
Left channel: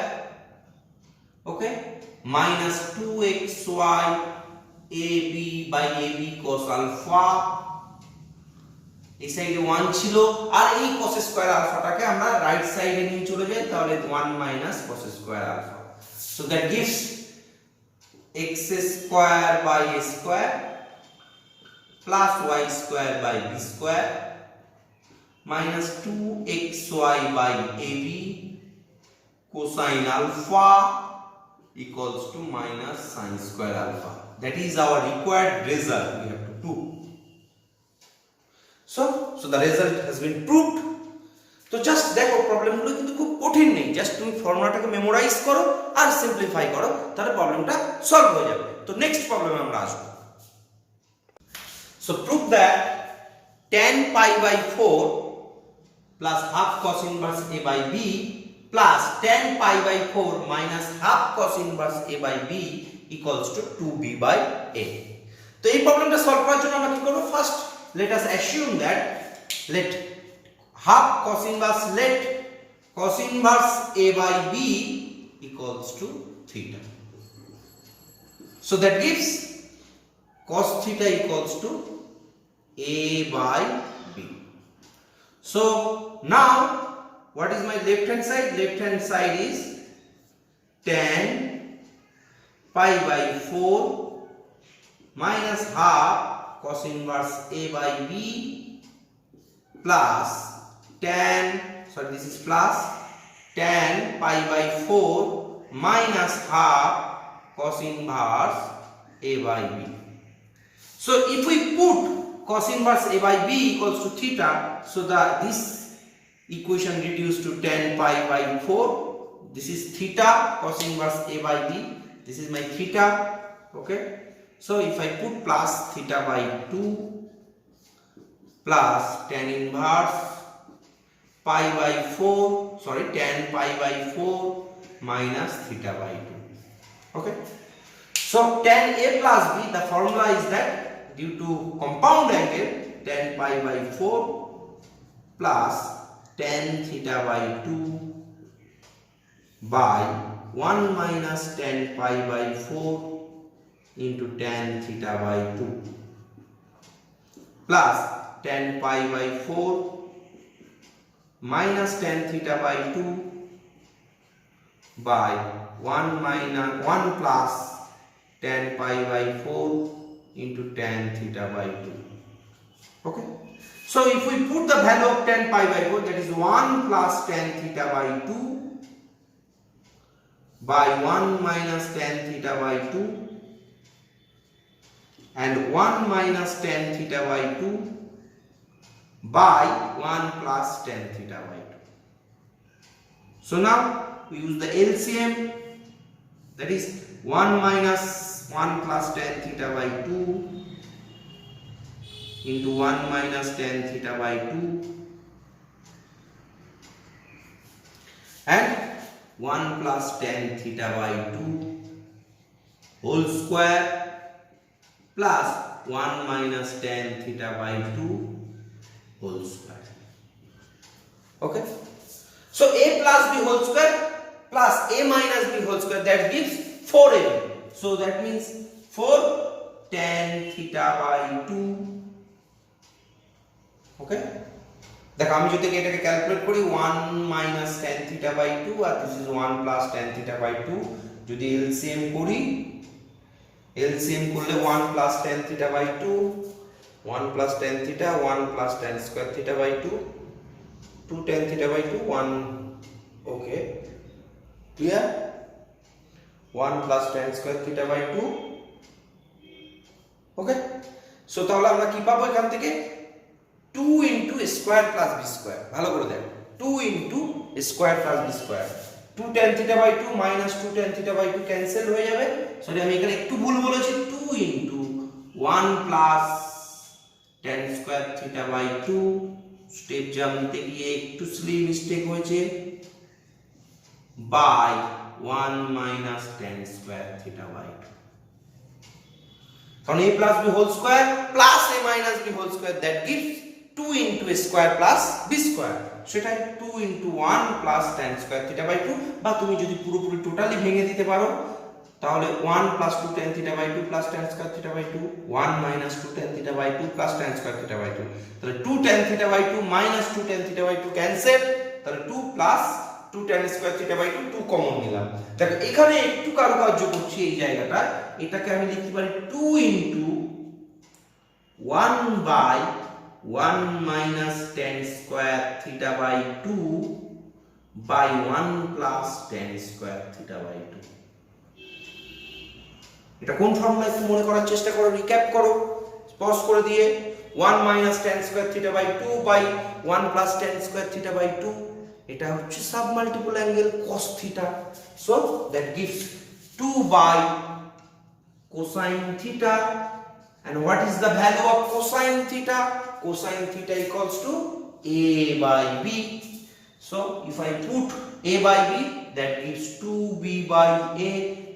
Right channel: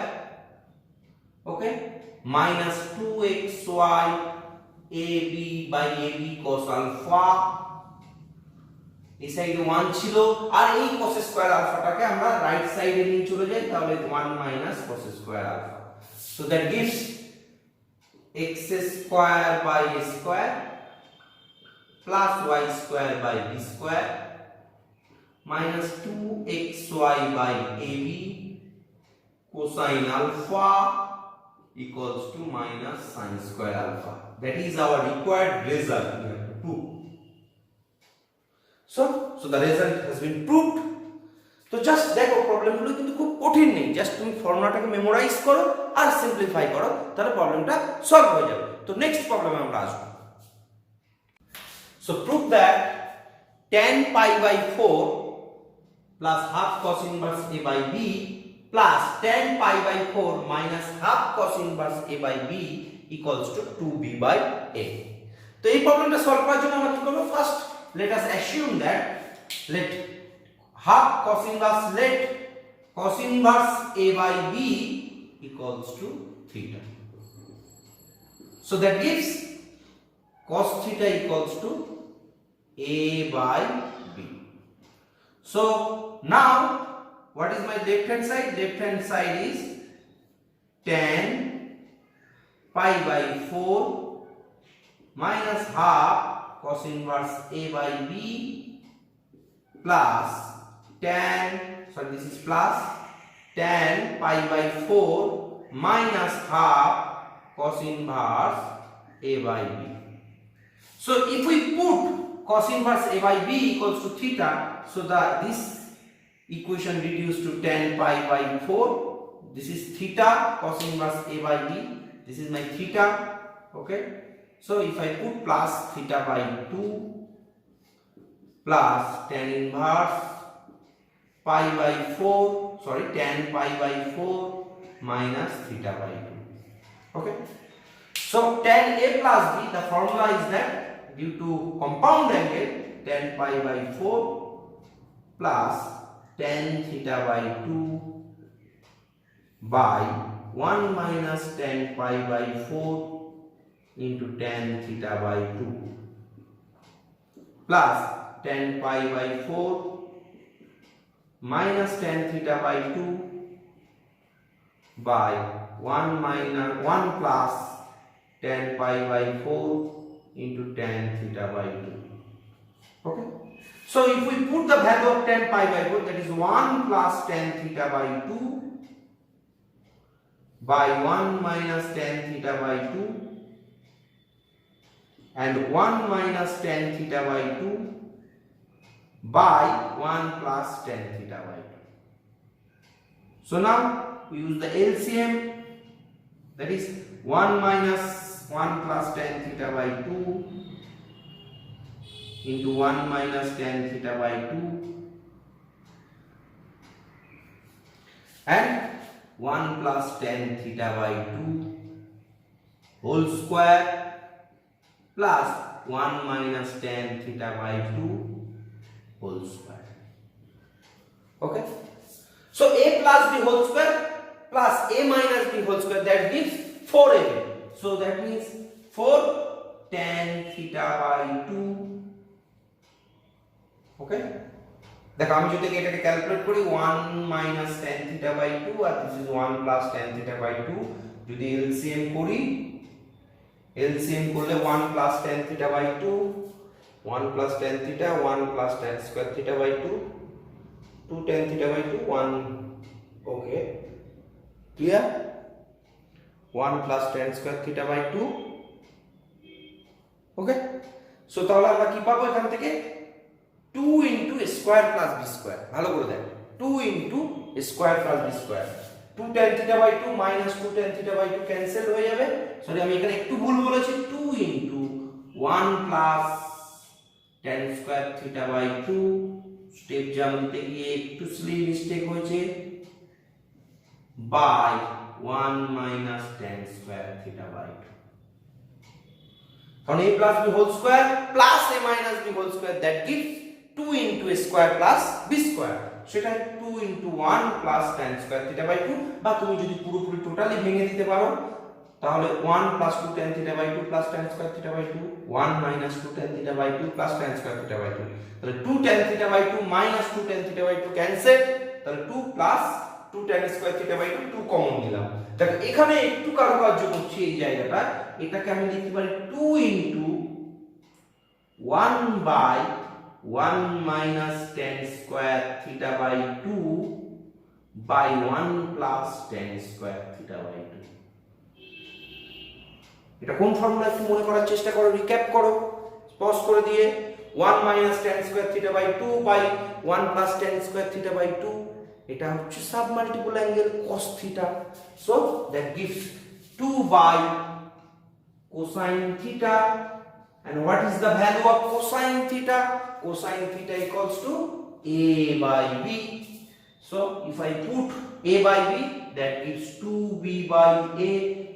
okay, minus 2xy ab by ab cos alpha, এই সাইডে 1 ছিল, আর এই cos স্কয়ার আলফাটাকে আমরা রাইট সাইডে নিয়ে চলে যাই, তাহলে 1 minus cos square alpha, so that gives x square by a square plus y square by b square minus 2xy by ab cosine alpha equals to minus sin square alpha. That is our required result we have to prove. So the result has been proved. তো just দেখো প্রবলেমগুলো কিন্তু খুব কঠিন নেই, just তুমি ফর্মুলাটাকে memorise করো আর simplify করো, তাহলে প্রবলেমটা সলভ হয়ে যাবে। তো নেক্সট প্রবলেমে আমরা আসব। So prove that tan pi by 4 plus half cos inverse a by b plus tan pi by 4 minus half cos inverse a by b equals to 2b by a. তো এই প্রবলেমটা solve করার জন্য আমরা কি করব, first let us assume that let cos inverse a by b equals to theta, so that gives cos theta equals to a by b. So now what is my left hand side? Left hand side is tan pi by 4 minus half cos inverse a by b plus tan pi by 4 minus half cos inverse a by b. So if we put cos inverse a by b equals to theta, so this equation reduced to tan pi by 4, this is theta cos inverse a by b, this is my theta, okay. So if I put plus theta by 2 plus tan inverse pi by 4, tan pi by 4 minus theta by 2, okay. So tan a plus b, the formula is that due to compound angle tan pi by 4 plus tan theta by 2 by 1 minus tan pi by 4 into tan theta by 2 plus tan pi by 4 minus tan theta by 2 by 1 plus tan pi by 4 into tan theta by 2, okay. So if we put the value of tan pi by 4, that is 1 plus tan theta by 2 by 1 minus tan theta by 2 and 1 minus tan theta by 2 by 1 plus tan theta by 2. So now we use the LCM, that is 1 minus 1 plus tan theta by 2 into 1 minus tan theta by 2 and 1 plus tan theta by 2 whole square plus 1 minus tan theta by 2 whole square. Okay, so a plus b whole square plus a minus b whole square, that gives 4ab. So that means 4 tan theta by 2. Okay, দেখো আমি যদি এটাকে calculate করি 1 minus tan theta by 2 R this is 1 plus tan theta by 2, যদি LCM করি, LCM করলে 1 plus tan theta by 2, 1 plus tan theta, 1 plus tan square theta by 2, 2 tan theta by 2, 1. Okay, clear? 1 plus tan square theta by 2. Okay, so তাহলে আমরা কি পাবো এখান থেকে 2 into a square plus b square. ভালো করে দেখো, 2 into a square plus b square. 2 tan theta by 2 minus 2 tan theta by 2 cancel হয়ে যাবে। সরি আমি এখানে একটু ভুল বলেছি, 2 into 1 plus tan square theta by 2, step জানতে গিয়ে একটু স্লি মিস্টেক হয়েছে, by 1 minus tan square theta by 2. কারণ a plus b whole square plus a minus b whole square, that gives 2 into a square plus b square. সেটাই 2 into 1 plus tan square theta by 2, বা তুমি যদি পুরোপুরি totally ভেঙে দিতে পারো তাহলে 1 plus 2 tan theta by 2 plus tan square theta by 2, 1 minus 2 tan theta by 2 plus tan square theta by 2. তাহলে 2 tan theta by 2 minus 2 tan theta by 2 cancel, তাহলে 2 plus 2 tan square theta by 2, 2 common নিলাম। দেখো এখানে একটু কারুকার্য করছি এই জায়গাটা, এটাকে আমি লিখতে পারি 2 into 1 by 1 minus tan square theta by 2 by 1 plus tan square theta by 2. এটা কোন ফর্মুলা একটু মনে করার চেষ্টা করো, রিক্যাপ করো পজ করে দিয়ে। 1 minus tan square theta by 2 by 1 plus tan square theta by 2, এটা হচ্ছে sub multiple angle cos theta, so that gives 2 by cosine theta. And what is the value of cosine theta? Cosine theta equals to a by b. So if I put a by b, that gives 2b by a.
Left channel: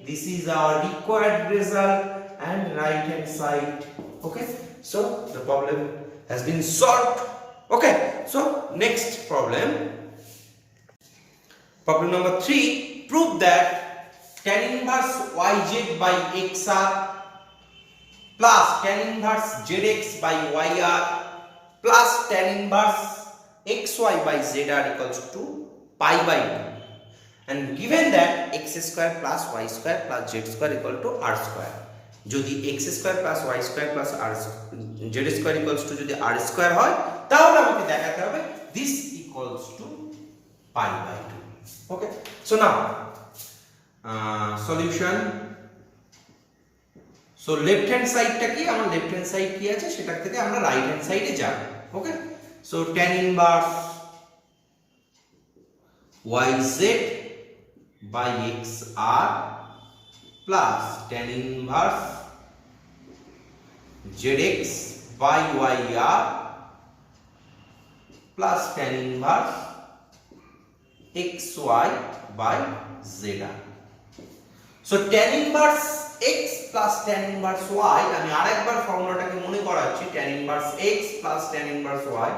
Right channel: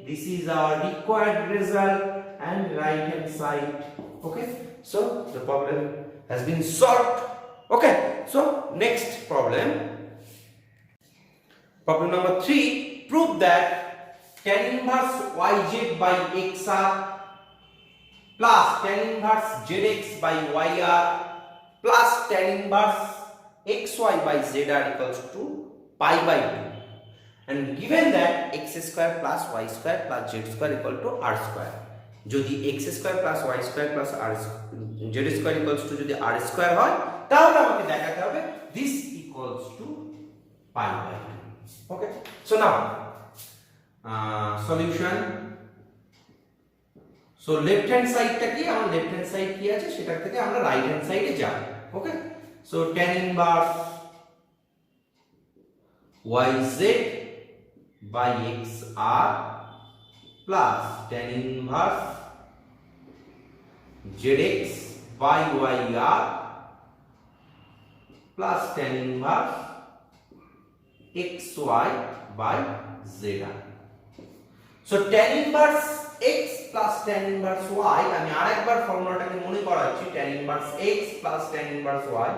This is our required result and right hand side. Okay, so the problem has been solved. Okay, so next problem, problem number 3. Prove that tan inverse yz by xr plus tan inverse zx by yr plus tan inverse xy by zr equals to pi by 2, and given that x square plus y square plus z square equal to r square. যদি x square plus y square plus r z square equals to যদি r square হয়, তাহলে আমাকে দেখাতে হবে this equals to pi by 2. Okay, so now solution. So left hand side টা কি, আমার left hand side কি আছে সেটা থেকে আমরা right hand side এ যাব। Okay, so tan inverse yz by xr plus tan inverse zx by yr plus tan inverse xy by zr. So tan inverse x plus tan inverse y, আমি আরেকবার ফর্মুলাটাকে মনে করাচ্ছি, tan inverse x plus tan inverse y,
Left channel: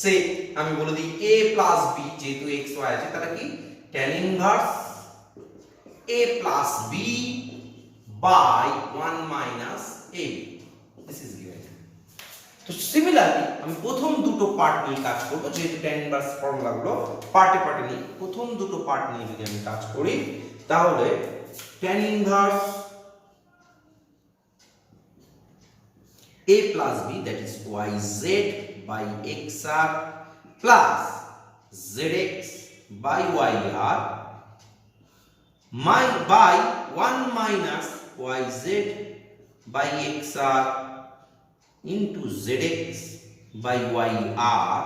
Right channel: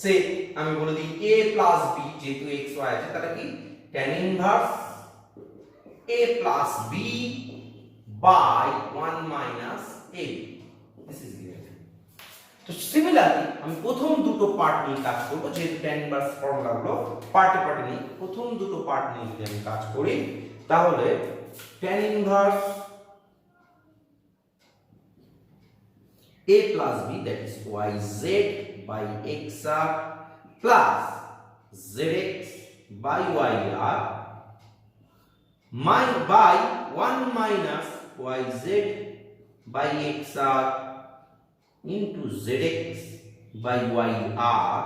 সে আমি বলে দিই a plus b, যেহেতু x y আছে তাহলে কি tan inverse a plus b by 1 minus a. This is given. তো সিমিলারলি আমি প্রথম দুটো পার্ট নিয়ে কাজ করব, যেহেতু tan inverse ফর্মুলাগুলো পার্টে পার্টে নিয়ে প্রথম দুটো পার্ট নিয়ে যদি আমি কাজ করি, তাহলে tan inverse a plus b, that is yz by xr plus zx by yr by 1 minus yz by xr into zx by yr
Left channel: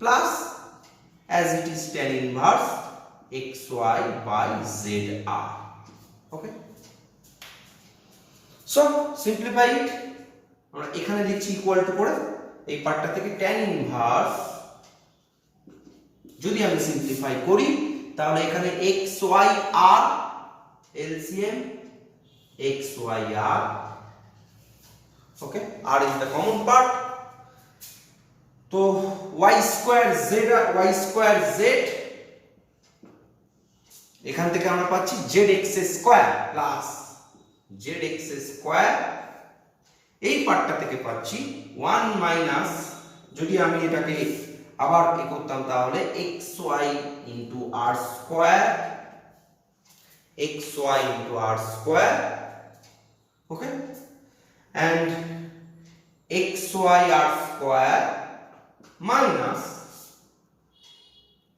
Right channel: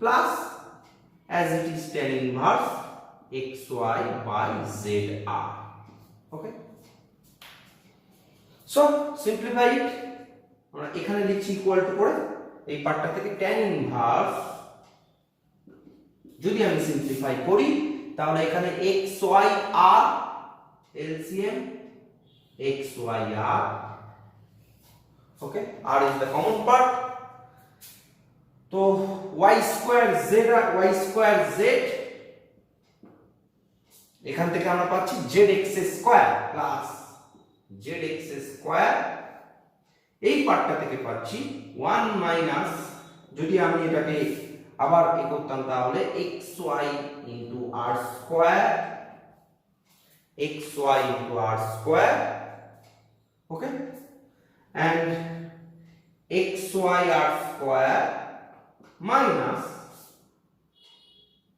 plus, as it is tan inverse xy by zr. Okay, so simplify it. আমরা এখানে লিখছি equal to করে এই পার্টটা থেকে tan inverse যদি আমি simplify করি তাহলে এখানে x y r LCM x y r, okay, r is the common part, তো y square z এখান থেকে আমরা পাচ্ছি zx square plus zx square, এই পার্টটা থেকে পাচ্ছি 1 মাইনাস, যদি আমি এটাকে আবার করতাম তাহলে xy into r square, xy into r square, okay, and xy r square minus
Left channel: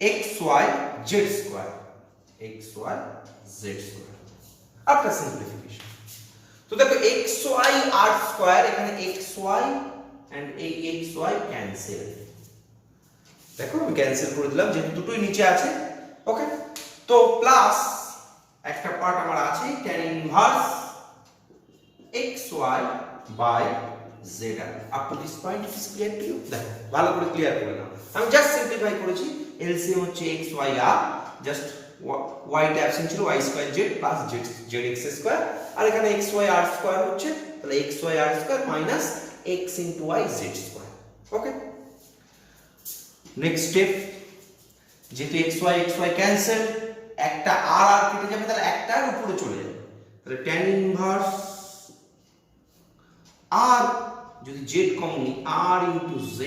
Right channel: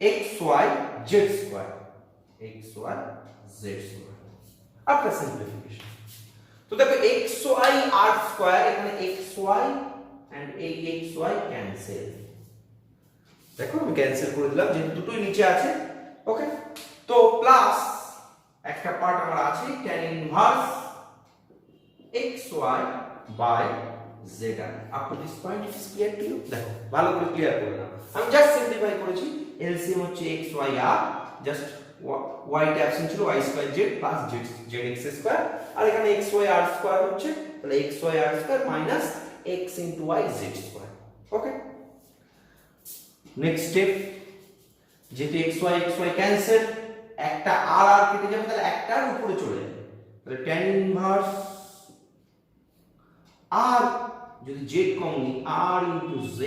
xy z square, xy z square after simplification. তো দেখো xy r স্কয়ার, এখানে xy and এই xy ক্যান্সেল, দেখো আমি ক্যান্সেল করে দিলাম যেহেতু দুটোই নিচে আছে, ওকে। তো প্লাস একটা পার্ট আমার আছে tan inverse xy by zr. up to this point it is clear to you? দেখো ভালো করে ক্লিয়ার করে নাও, আমি জাস্ট সিম্পলিফাই করেছি, এলসিএম হচ্ছে xy r, জাস্ট y টা অ্যাবসেন্ট ছিল, y square z plus zx square, আর এখানে xy r স্কয়ার হচ্ছে, তাহলে xy r square minus x into y z square, okay. Next step, যেহেতু xy ক্যান্সেল, একটা r কেটে যাবে, তাহলে একটার উপরে চলে যাবে, তাহলে tan ইনভার্স r, যদি z কমন নিই r into z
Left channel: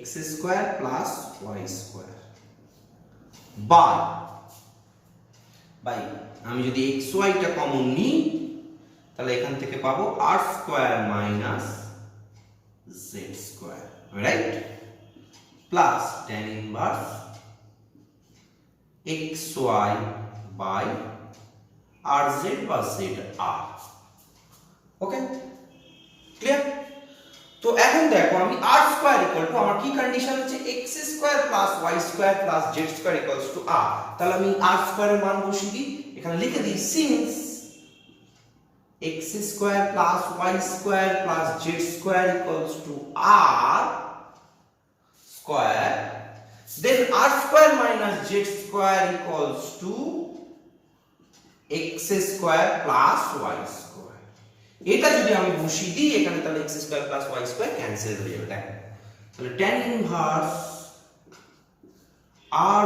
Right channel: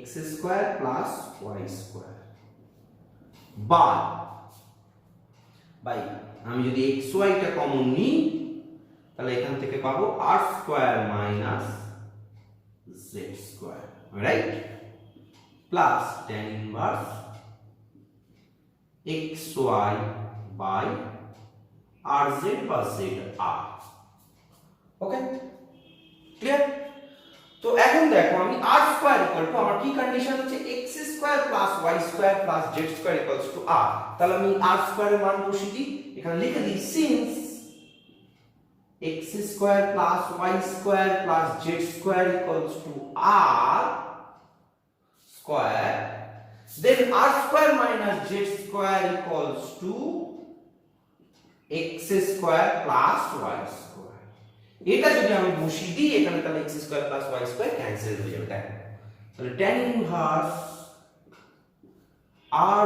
x square plus y square by আমি যদি xy টা কমন নিই তাহলে এখান থেকে পাবো r square minus z square, right, plus tan inverse xy by rz বা zr, ওকে, ক্লিয়ার। তো এখন দেখো আমি r স্কয়ার ইকুয়াল টু, আমার কি কন্ডিশন হচ্ছে x square plus y square plus z square equals to r, তাহলে আমি r স্কয়ারের মান বসিয়ে দিই, এখানে লিখে দিই since x square plus y square plus z square equals to r square, then r square minus z square equals to x square plus y square, এটা যদি আমি বসিয়ে দিই এখানে তাহলে x square plus y square cancel হয়ে যাবে, দেখো তাহলে tan inverse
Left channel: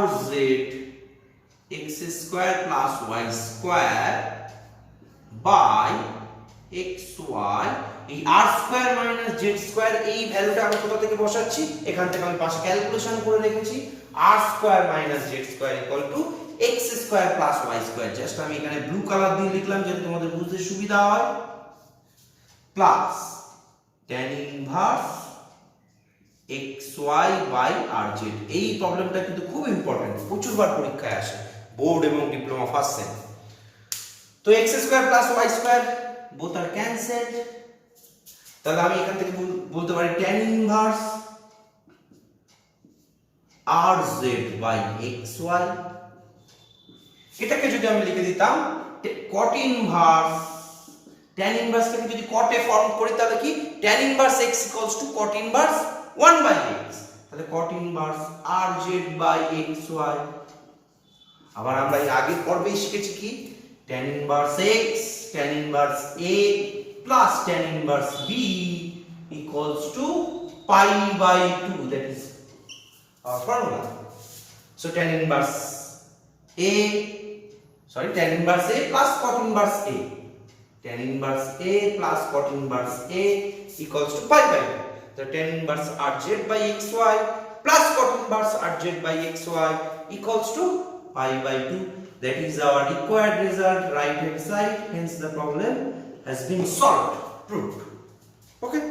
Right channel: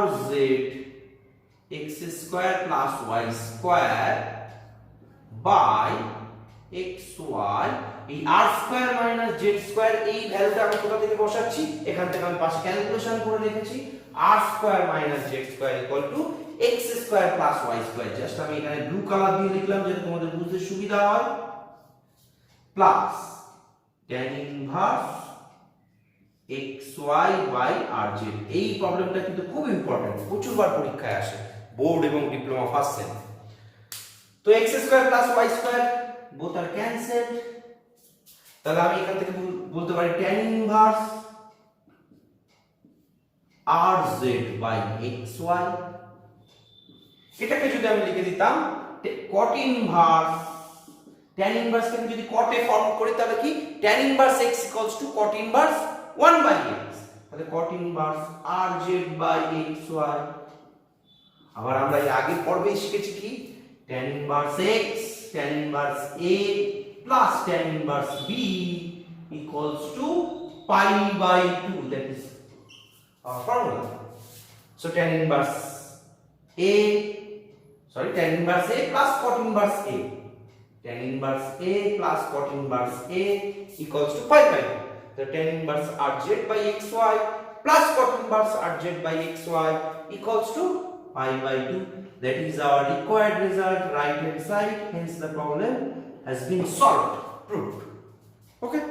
rz x square plus y square by xy, এই r square minus z square, এই ভ্যালুটা আমি কোথা থেকে বসাচ্ছি, এখান থেকে আমি পাশে ক্যালকুলেশন করে রেখেছি, r square minus z square equal to x square plus y square, just আমি এখানে ব্লু কালার দিয়ে লিখলাম যাতে তোমাদের বুঝতে সুবিধা হয়, plus tan inverse xy by rz। এই প্রবলেমটা কিন্তু খুব ইম্পর্টেন্ট, প্রচুরবার পরীক্ষায় আসে বোর্ড এবং ডিপ্লোমা ফার্স্ট সেম। তো x square plus y square both are cancelled, তাহলে আমি এখান থেকে বলতে পারি tan inverse rz by xy, এটাকে যদি আমি লিখে দিতাম cot ইনভার্স, tan ইনভার্স থেকে যদি cot এ ফর্ম করি তাহলে কি tan inverse x equals to cot inverse 1 by x, তাহলে cot inverse rz by xy। আবার আমরা এই আগের পর্বেই শিখেছি কি tan inverse x tan inverse a plus tan inverse b equals to pi by 2, that is our formula. So tan inverse tan inverse a plus cot inverse a, tan inverse a plus cot inverse a equals to pi by 2. So tan inverse rz by xy plus cot inverse rz by xy equals to pi by 2. That is our required result, right hand side. Hence the problem has been solved, proved. Okay.